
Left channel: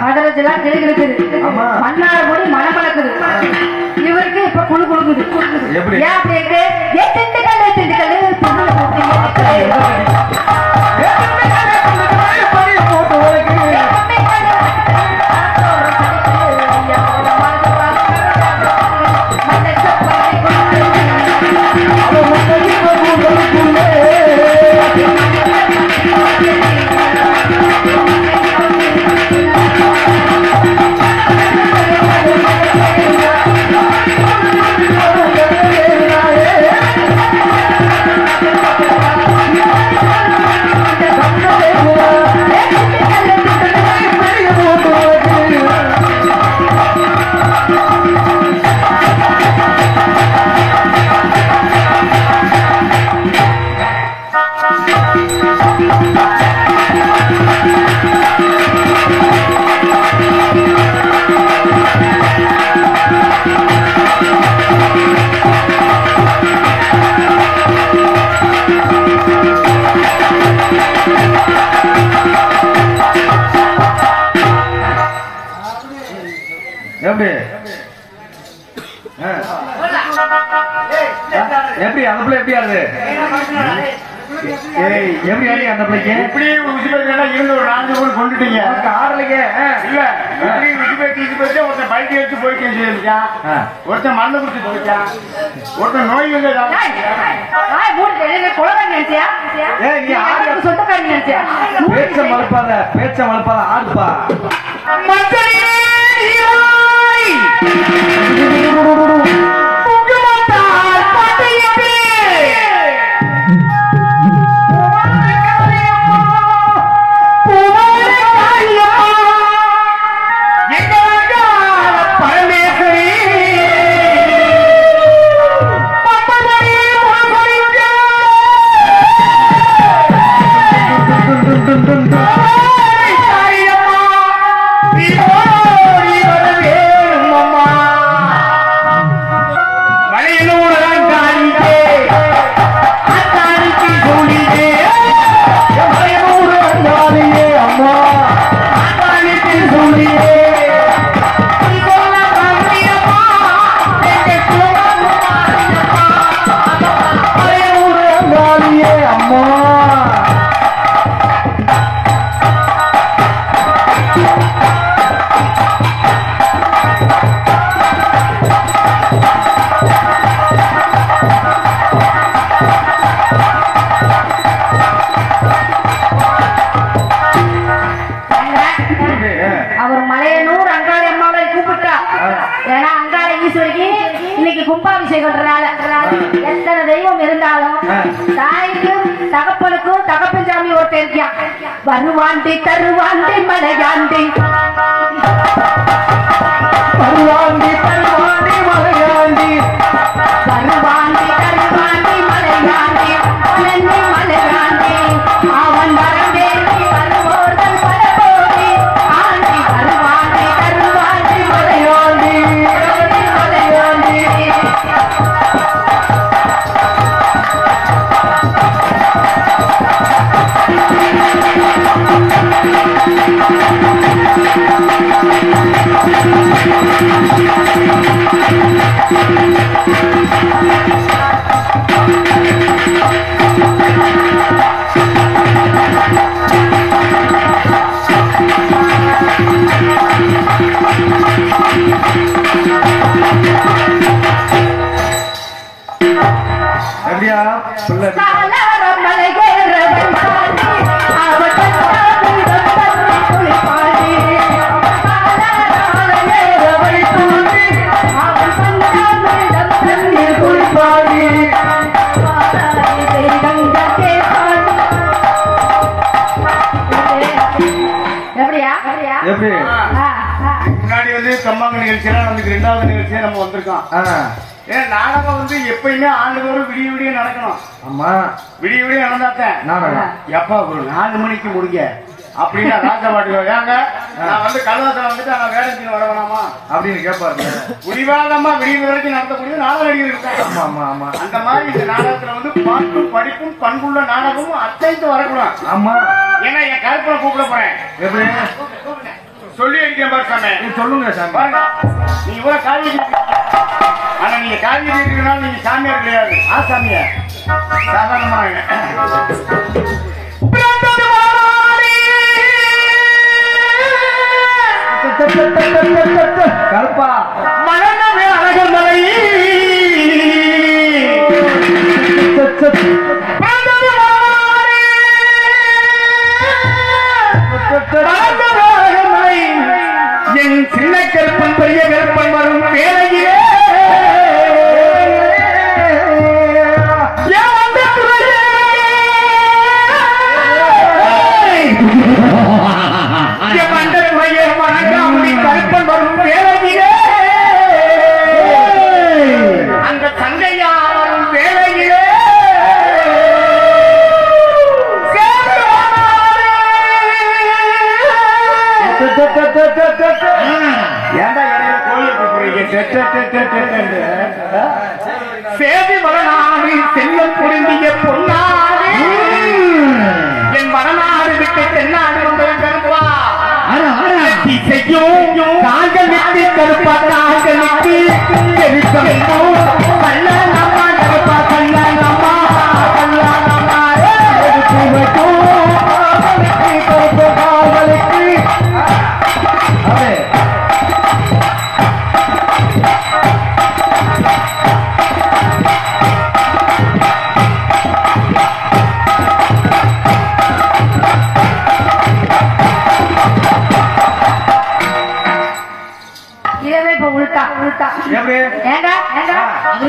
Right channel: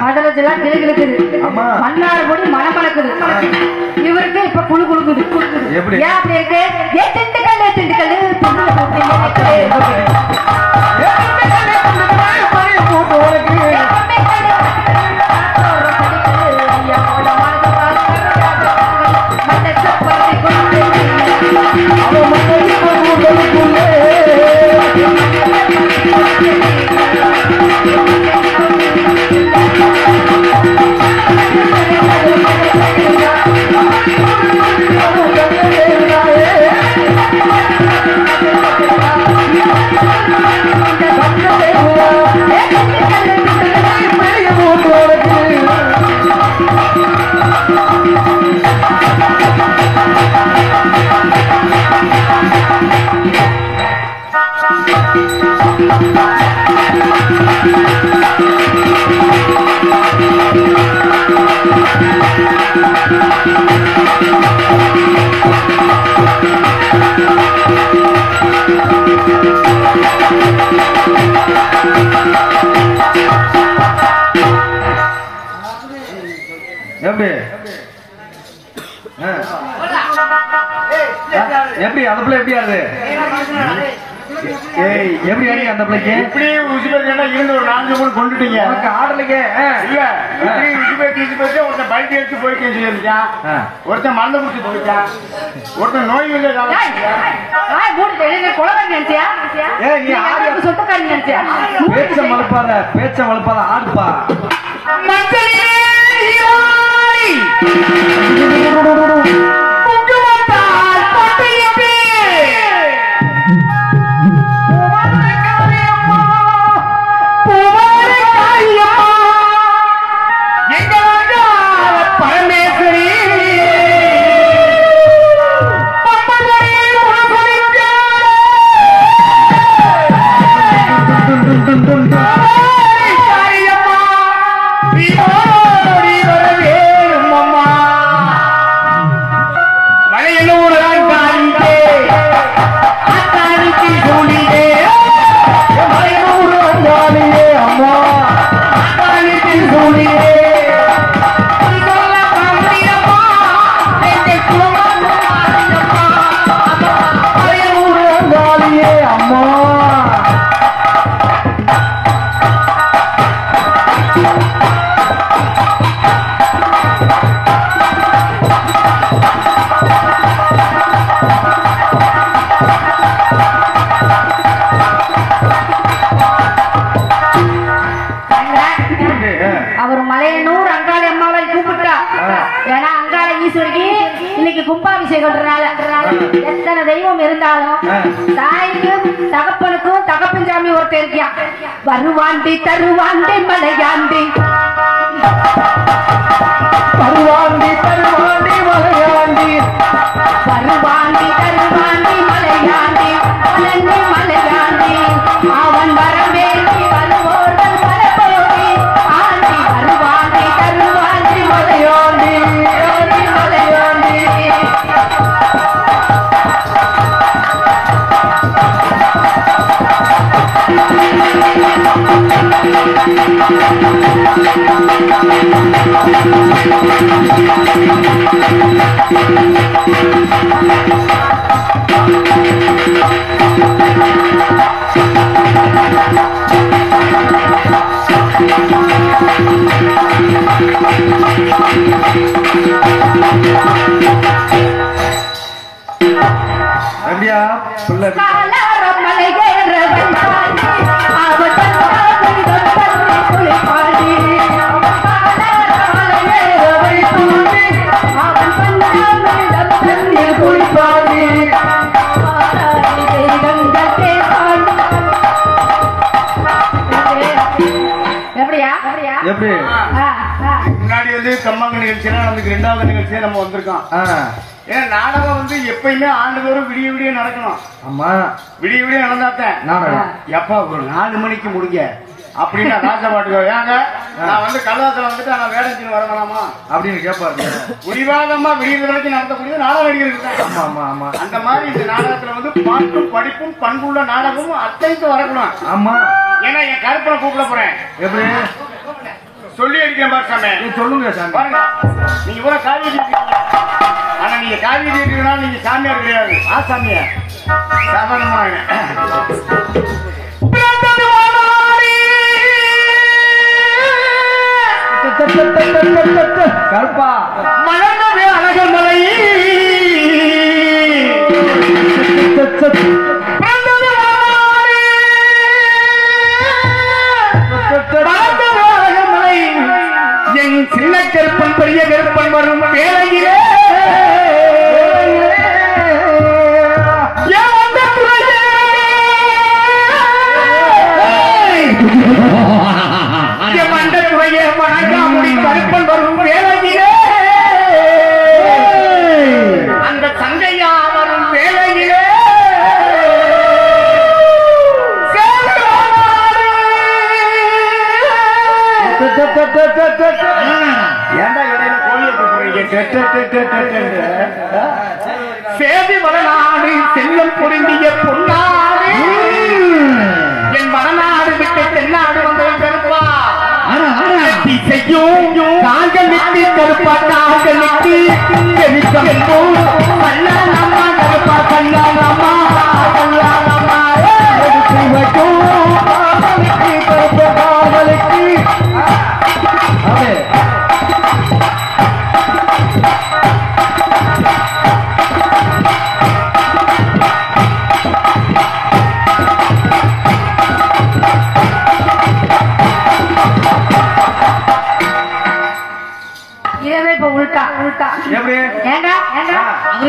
மதுரத்துலாம் கிளுகிழுக்குது, மண்ணாறு பொடி மணமளக்குது. இவருக்கு இப்ப குழு குழுக்குது. ஏன் அப்படி இருக்கு? திண்டுக்கல் பொண்ணு எப்படி எப்படி அந்த பிள்ளை எப்படி ஆகுது எப்படி ஆடி அந்த பிள்ளைக்கு இப்படியே இருந்து ஒரு 4 மூணு கொண்டுட்டீங்க ஆடலைங்க இல்ல இப்படி ஒருத்தன் பல்ட்டி எடுத்து போயிட்டு செஞ்சான் ஒருத்தன் மண்ணை குடிச்சு போயிட்டான் ஒருத்தன் நோய் வந்து பேச்ச மலப்பாத ஆடுப்பா எத்தனை தெய்வம் இருந்தாலும் தாய்க்கும் தகப்பனுக்கும் தகப்பன் சாமி ஒருத்தர் இருக்கான். வருவாண்டி தருவாண்டி மலையாண்டி வருவாண்டி தருவாண்டி மலையாண்டி வருவாண்டி தருவாண்டி மலையாண்டி மலையாண்டி அவன் வரவேண்டி வருவோர்கள் வரப்போடி ஆண்டி வருவாண்டி தருவாண்டி மலையாண்டி மலையாண்டி எப்படியா எப்படி முன்னாடி வந்து கம்மாங்க நிகழ்ச்சியெல்லாம் நமக்கு 2வது நிகழ்ச்சியா நம்ம வந்திருக்கோம். ஏன்னா நாடகம் வந்து எப்பயுமே ஆண்டுதோறும் விடிய விடிய நடக்கணும். ஆமா விடிய விடிய நடந்தாத்தேன் நாடகம் எப்பா ஒரு 4 மணிக்கு முடிங்க அப்படின்னா ராஜபாட்டு ஏங்க நான் வந்து கல்வாசம் வந்துட்டு நான் வேடத்தின் வர வேணாமா அப்படின்னு கேட்பாரு. முடிவாதமா விடிய வரைக்கும் நடத்தக்கூடிய நாடகம் நடிகர். ஆமா ஆமா அந்த மாதிரி இந்த நாடகத்துல வந்து பாட்டும் படிப்பும் பண்புள்ள நாடகமும் அத்தைக்கு வரக்கூடாது. ஆமா ஏன்னா என் கருப்பனை கூப்பிட போறேன். எப்படி சொல்லி அடிக்க பாரு சாமி. சொல்லுங்க சாமி. நீங்க இவ்வளவு காவி ஆனா நீங்க காவி இருக்கிறதுனால நீங்க சாமியார் கிடையாது. சாமியா சாதாரணமாக கருப்பா மலர்ந்தது அழகு மலை என் சின்ன கருப்பன் பெரிய கருப்பன் வரும் வேலையிலே கருப்பன் வரும் வேலையிலே அந்த தங்கையா வரும் வேலையிலே ஏண்டா இடையில கோழியை கூப்பிடுறீங்க? சேதி வடநாடு செல்லம் பொருந்திய பொன்னாடு என் வடநாடு விட்டு தென்னாடு வந்தவன் கருப்பா திசையும் காங்களுக்கு கருப்பா காங்களுக்கு எரிசமும் கல்லாலம்மா கருப்பா கல்லாலம்மா கல்லாலம்மா சிவக்கும் காங்களுக்கு கருப்பா காங்களுக்கு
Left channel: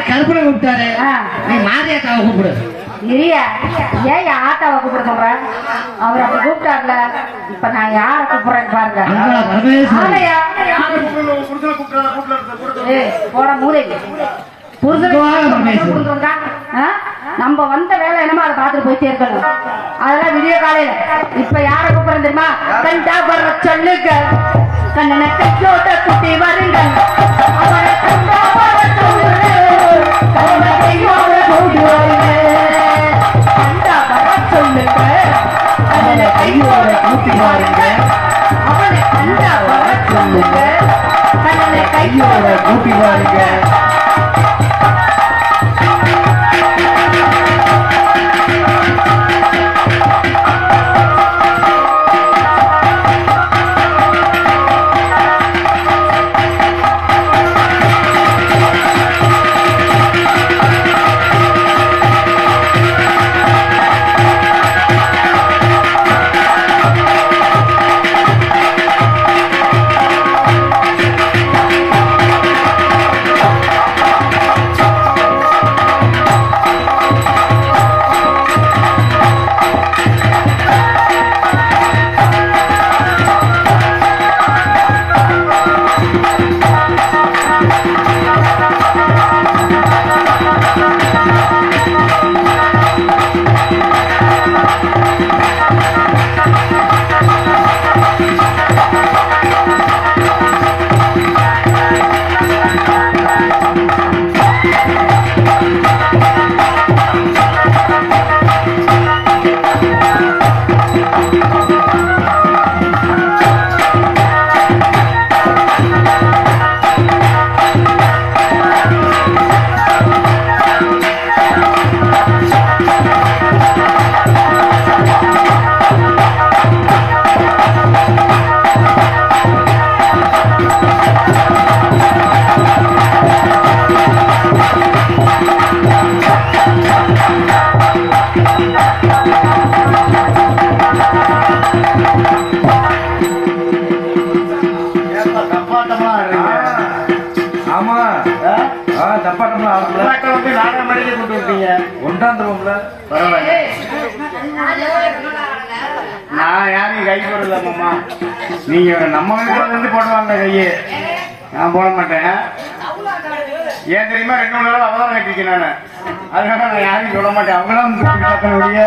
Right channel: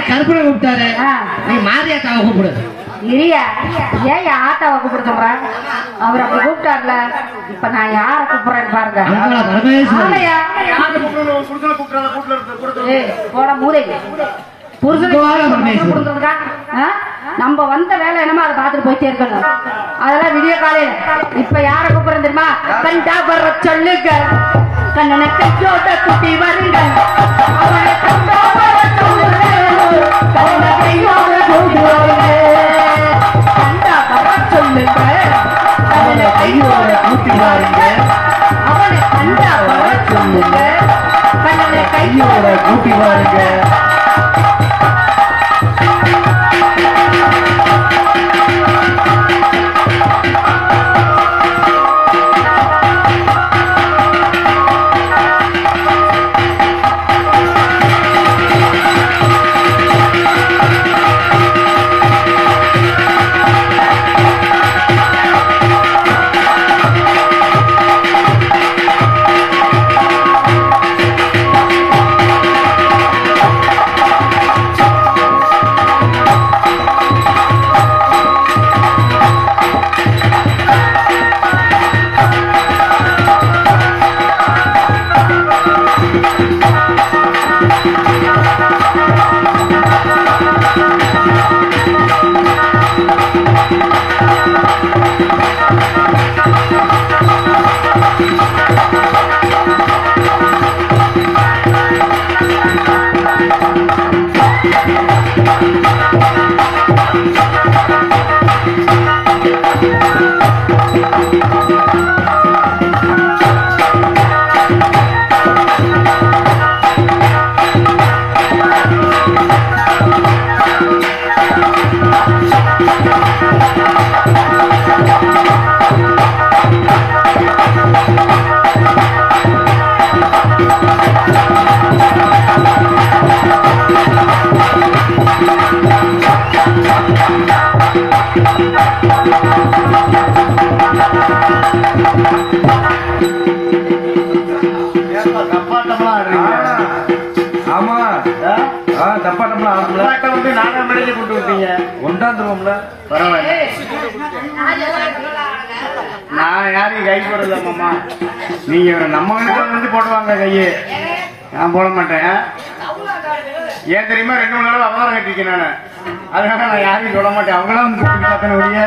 கருப்பனை கூப்பிட்டாரு நீ மாரியாத்தாவை கூப்பிடு இல்லையா ஏன் ஆட்டாவை கூப்பிட சொல்றேன் அவர் அப்படி கூப்பிட்டார்ல இப்ப நான் யார கூப்பிடுறேன்னு பாருங்க போட மூளை நம்ம வந்த வேலை என்னமோ அதை பார்த்துட்டு போயிட்டே இருக்கணும் அதெல்லாம் விடிய காலையில இப்ப யார கூப்பிடுறேன் தெரியுமா கண்டா வர சொல்லுங்க கண்ணனை கையோட குட்டி வருங்க அவரை கண்டா வர சொல்லுங்க கண்ணனை கையோட கூட்டி வருங்க கண்டா வர சொல்லுங்க கண்ணனை கையோட கூட்டி வருங்க அவனை கண்டா வர சொல்லுங்க கண்ணனை கையோட கூட்டி வருங்க நான் யாரையும் கை போடலாமா நீங்க நம்ம வந்து போடுவாங்க கையே நான் போட மாட்டேன் ஏன் தெரியுமா 2 மணி நேரம் அவதாரம் கட்டிருக்கேன் நானு அதனால நான் யாரையும் சொல்ல மாட்டேன் அவங்களாம் பார்த்தன ஒழிய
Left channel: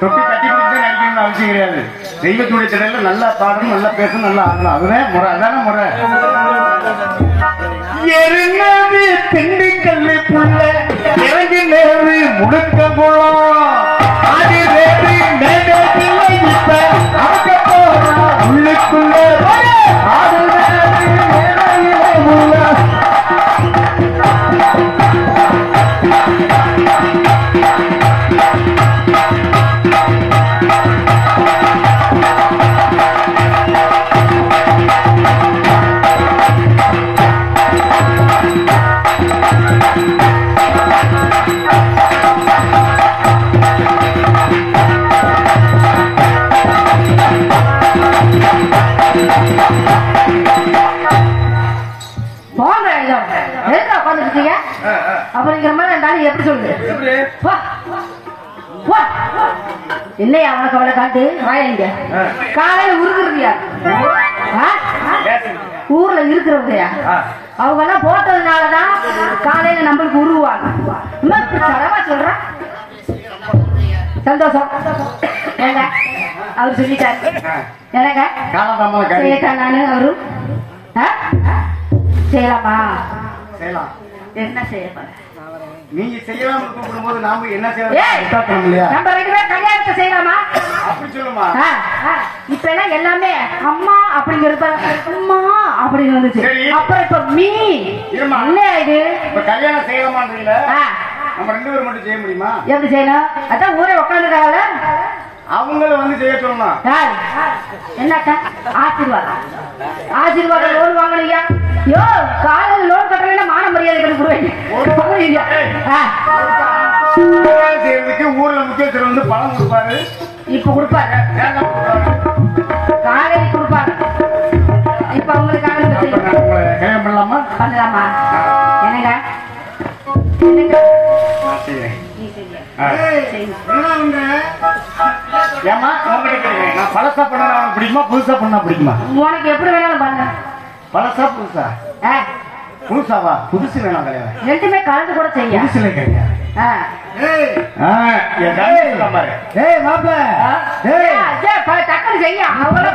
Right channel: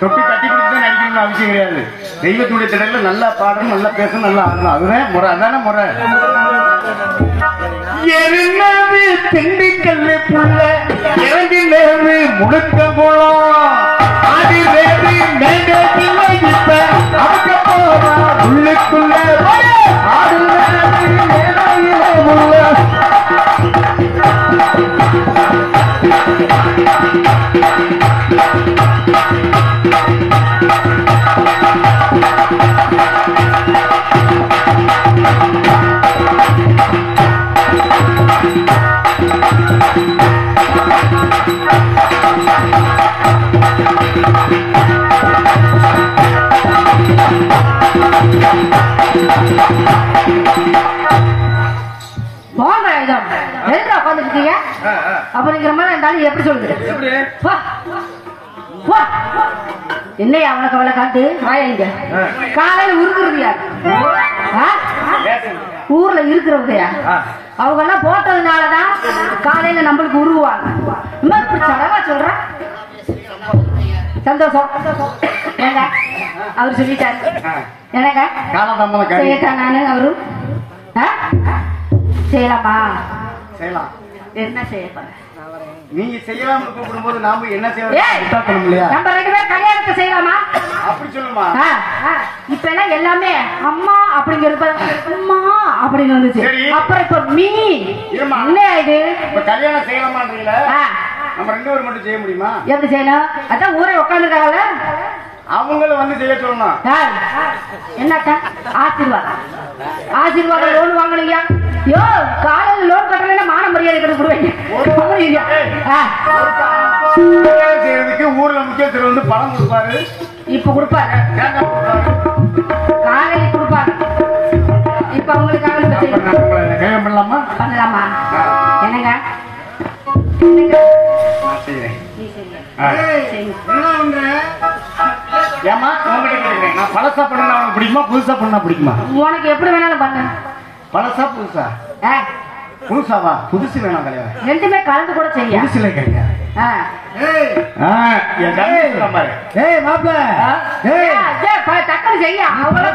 தொட்டி தட்டி கொடுத்து நடிக்கணும்னு அவசியம் கிடையாது தெய்வத்துடைய திடல்ல நல்லா பாடணும் நல்லா பேசணும் நல்லா ஆடணும் அதுதான் முறை அதான முறை எருங்கது திண்டுக்கல்லு புள்ள இறங்கி நேரு முடுக்க போலாம் அது வேறு மேலே அவங்க போறோம் உள்ளுக்குள்ள ஆடு அப்படிங்கிற மாதிரி இருந்தாலும் எப்படி சொல்லுது இல்லையா அவனுக்கு அவளை காட்டு வாயங்க காலையில உருகுறதியா ஊர்ல இருக்கிறவங்கயா அவங்க எல்லாம் போட்டதுனாலதான் காலையில நம்மளுக்கு உருவாங்க இப்படி சடமா சொல்றான் சந்தோஷம் ஏங்க அவரு சொல்லிட்டாரு எனக்கு கேட்டேன் நானு அவரு செய்யலாமா என்ன செய்ய நீங்க செய்யலாம் கூப்பிடும்போது நாம என்ன ஏய், செய்யலாம் இல்லையா? நம்ம 2 பேரும் கல்யாணத்தை செய்யலாமா? அப்படி சொல்லுமா? இப்ப எல்லாம் எல்லாமே அம்மா அப்படிங்கிறப்ப அம்மா அப்படின்னு வந்துச்சு. சரி. அப்புறம் இப்ப மீ இருமா. இல்லையா இது? இப்ப கல்யாணம் செய்யலாமான்றீங்களா? ஆ, நம்ம 2 பேரும் மட்டும் செய்ய முடியுமா? எப்படி செய்யணும்? அதான் ஊரே உட்காந்துருக்காங்க. அவங்கள வந்து செய்ய சொல்லணும். என்னக்கா ஆசீர்வாதம் ஆசீர்வாதம் லோன் வாங்கலையா? யோ காலையில் லோன் கட்டலைன்னா மான மரியாதை கொடுக்குறீங்க. கல்யாணம் செய்யறதுக்கு ஊர்ல முக்கியத்துவம் வந்து பணம் கொடுப்பாரு. இப்ப கொடுப்பாரு, தேங்காய் கொடுப்பாரு. காலையில் கொடுப்பாரு. இப்ப அவங்களுக்கு கல்யாணம் பண்ணலாமா? பண்ணலாமா? என்னங்க என்னங்க செய்யறேன். நீ செய்யுங்க. ஏமா உங்ககிட்ட கேட்கிறேன், நான் பழசா பண்ணா உனக்கு பிடிக்குமா புதுசா பண்ணா பிடிக்குமா? உனக்கு எப்படி வேணாலும் பண்ணு. பழசா புதுசா? ஆ, புதுசாவா? புதுசு வேணாம் கல்யாணம். ரெண்டுமே கலந்து கூட செய்ய. புதுசுல கல்யாணம். ஆ. என் தம்பி சொல்ற மாதிரி. ஏய் மாப்ள டக்குனு செய்ய. அவங்கள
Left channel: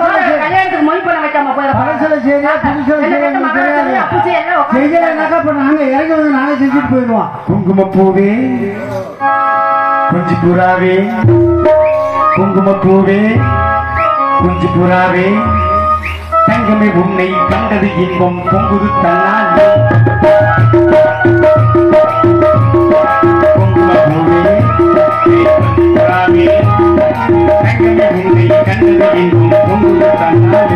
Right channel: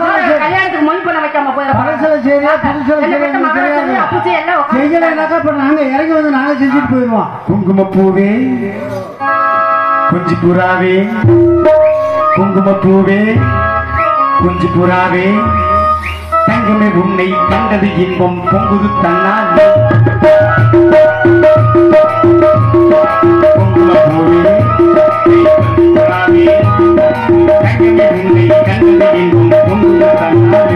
கல்யாணத்துக்கு மொய் பண்ண வைக்காம பழசுல செய்யா புதுசுல செய்யலனாக்கா இப்ப நாங்க இறங்கி வந்து நாளை செஞ்சுட்டு போயிடுவோம். குங்குமப்பூவே குஞ்சு புறாவே குங்குமப்பூவே குஞ்சு புறாவே தங்கமே உன்னை கண்டது இன்பம் பொங்குது தன்னால். குங்குமப்பூவே குஞ்சு புறாவே தங்கமே உன்னை கண்டது இன்பம் பொங்குது தன்னால்.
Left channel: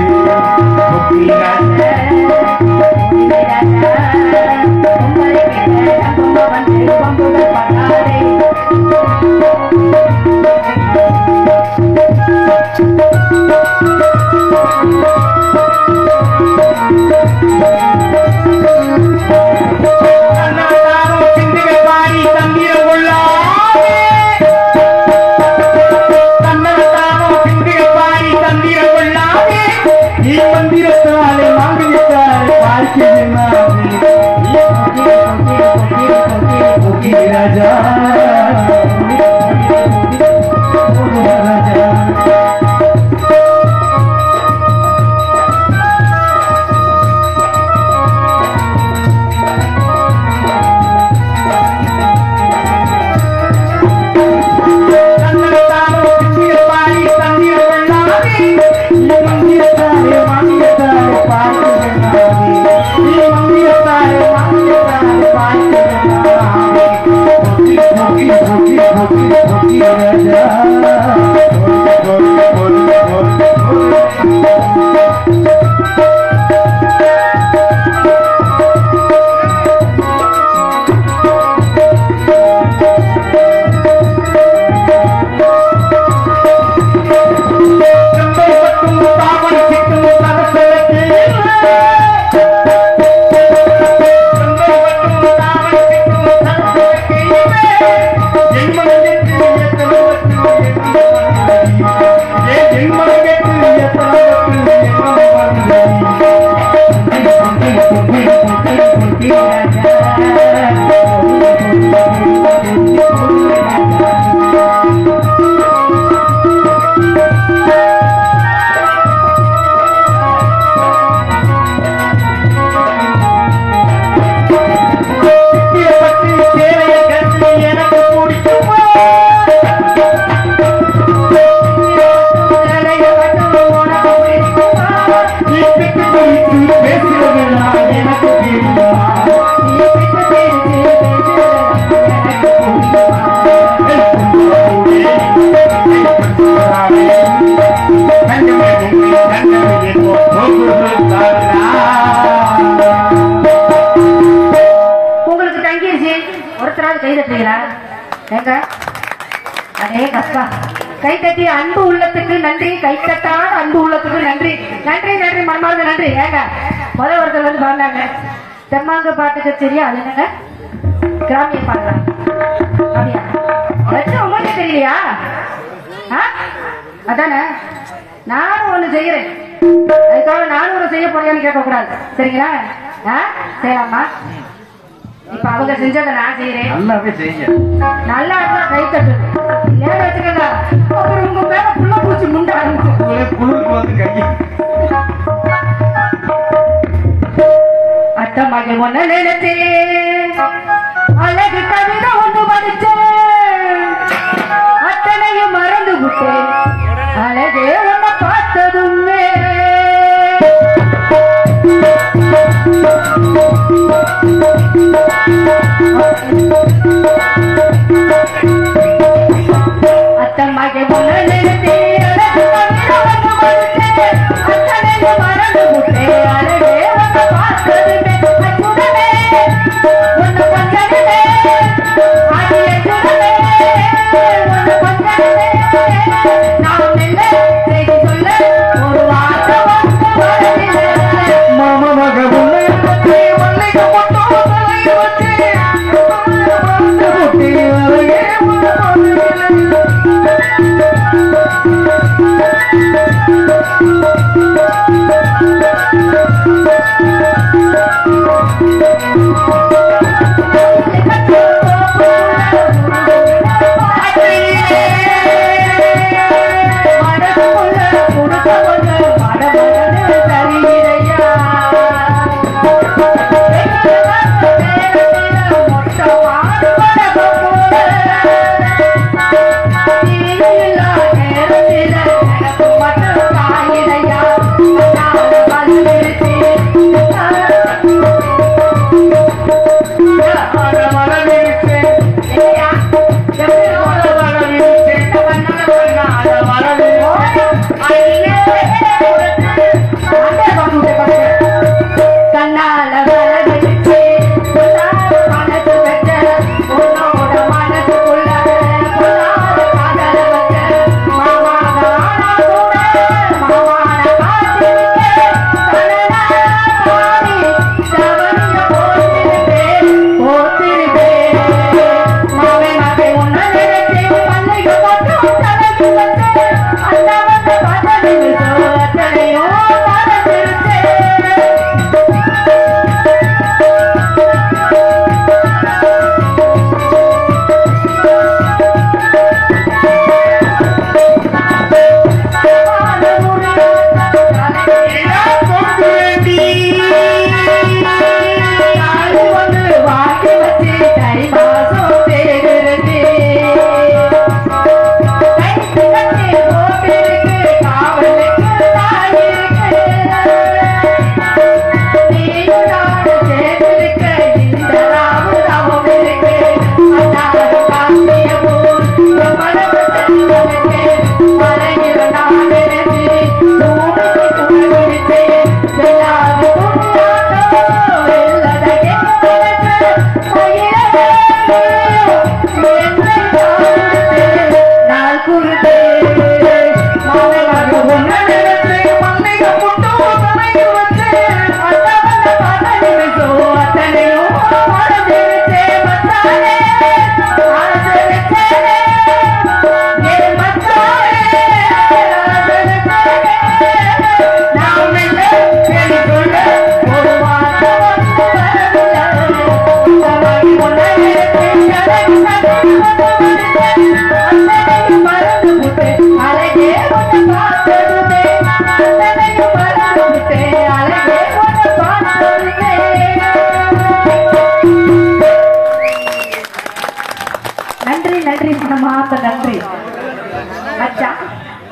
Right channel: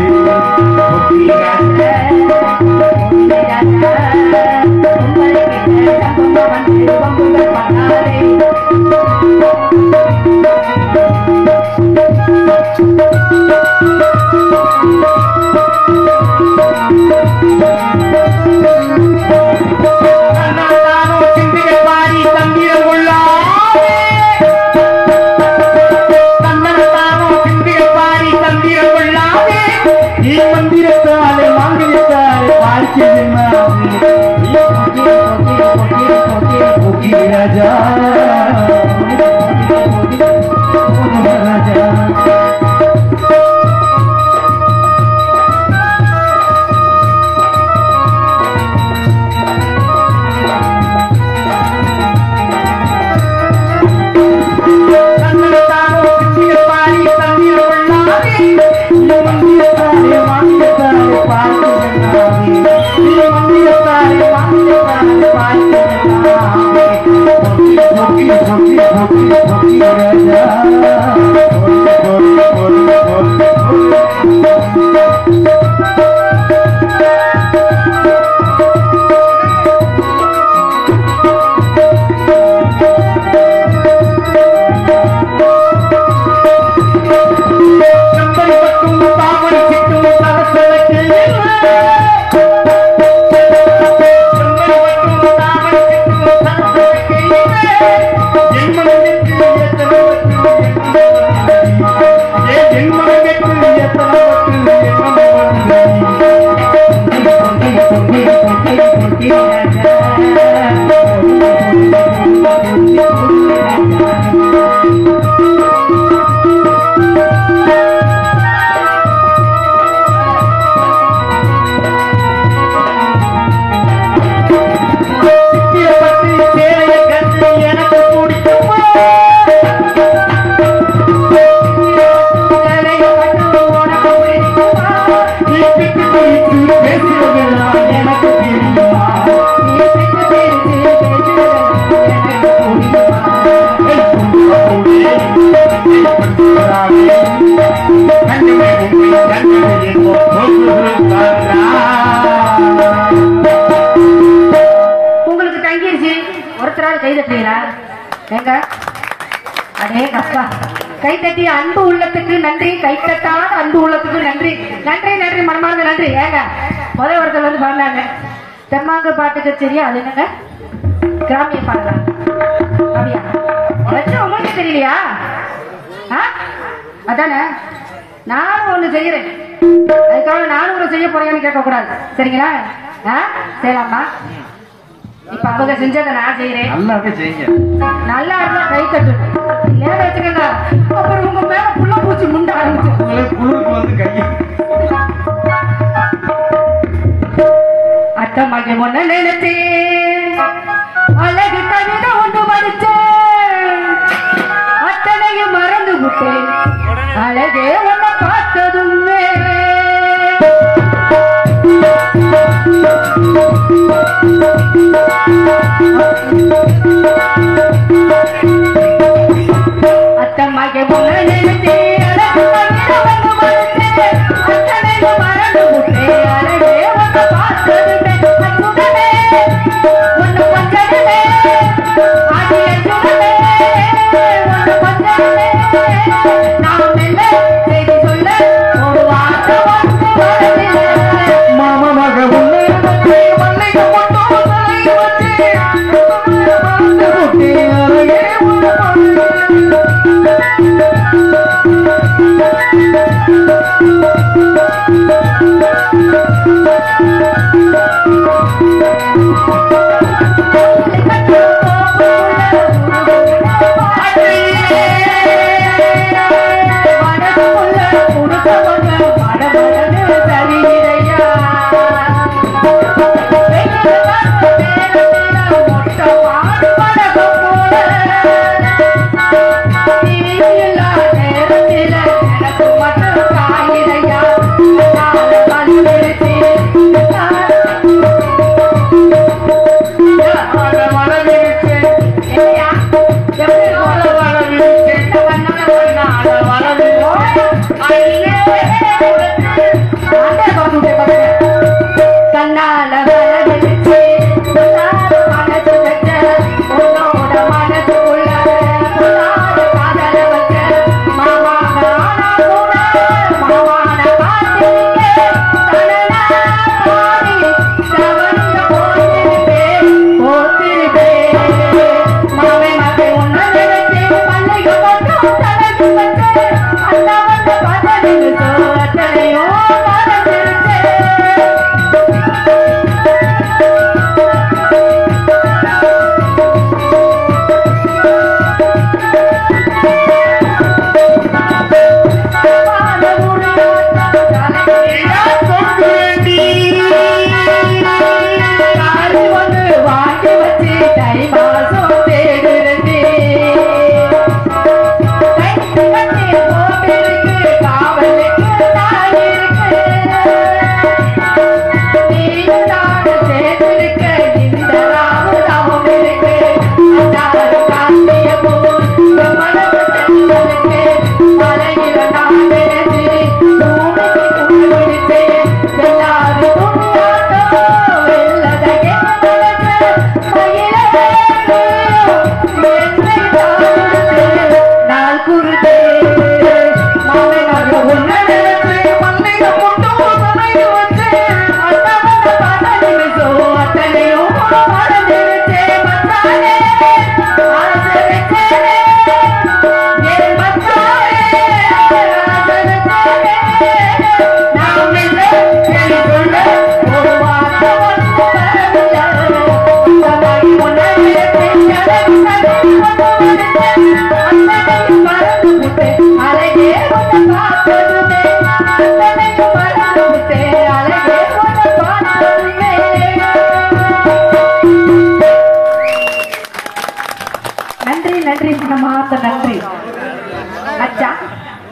உங்களுக்கு தங்கிருச்சு. ஒருத்தரால் கை தட்டுறீங்களா? எங்க அதே கப்பா கை தட்டி அன்பு உள்ளத்துக்கு நன்றி. கை தட்டாத அன்பு உள்ளத்துக்கு நன்றி. நன்றி நன்றி மனமார்ந்த நன்றி. ஏங்க முதல் ஒருத்தர் வந்து பாடினாங்க தெம்மாங்க பாட்டு கச்சேரி. அது என்னங்க கிராமிய பாடுறாங்க. அப்படியா? வச்சு உங்களுக்கு தெரியலையா? அதானே நானும் ஒண்ணு செய்யறேன். அதுக்காக நானும் ஒரு செய்ய போறேன்னு கேட்க கூடாது. சரிங்களா? சரிம்மா. இப்ப அவங்க செஞ்சதை நான் செய்யறேன். நல்லாவே செய்யுங்க. நல்லா இருந்தா கை தட்டு. ஏன் வச்சுக்கங்க அப்புறம் உங்க மேல புள்ள பூச்சி முண்ட ஆரம்பிச்சு குழுக்கு வந்து கை அத்த மகன் ஒண்ணு நினைத்தேன் அழகு கவிதை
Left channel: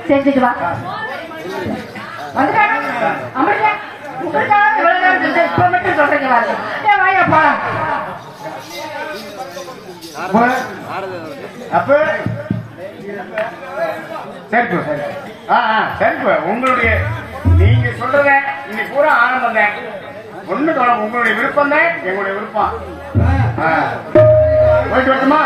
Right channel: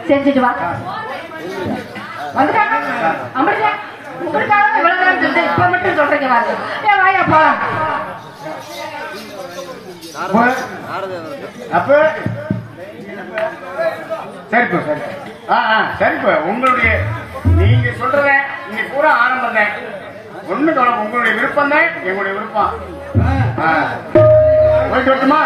செஞ்சுட்டு வா வந்துட்டாங்க அமரியா உங்களுக்காக இவ்வளவு நேரம் செஞ்சு இப்ப மட்டும் சொல்றீங்க பாருங்க ஏன் வாயா போலாம் அப்ப சரிப்பா சரி சரிப்பா உங்களுடைய நீங்க சொல்றத இன்னைக்கு பூரா ஆரம்பம் தான் ஒண்ணு உங்களுடைய விருப்பம் தான் எங்களுடைய விருப்பம் போயிட்டு வரட்டுமா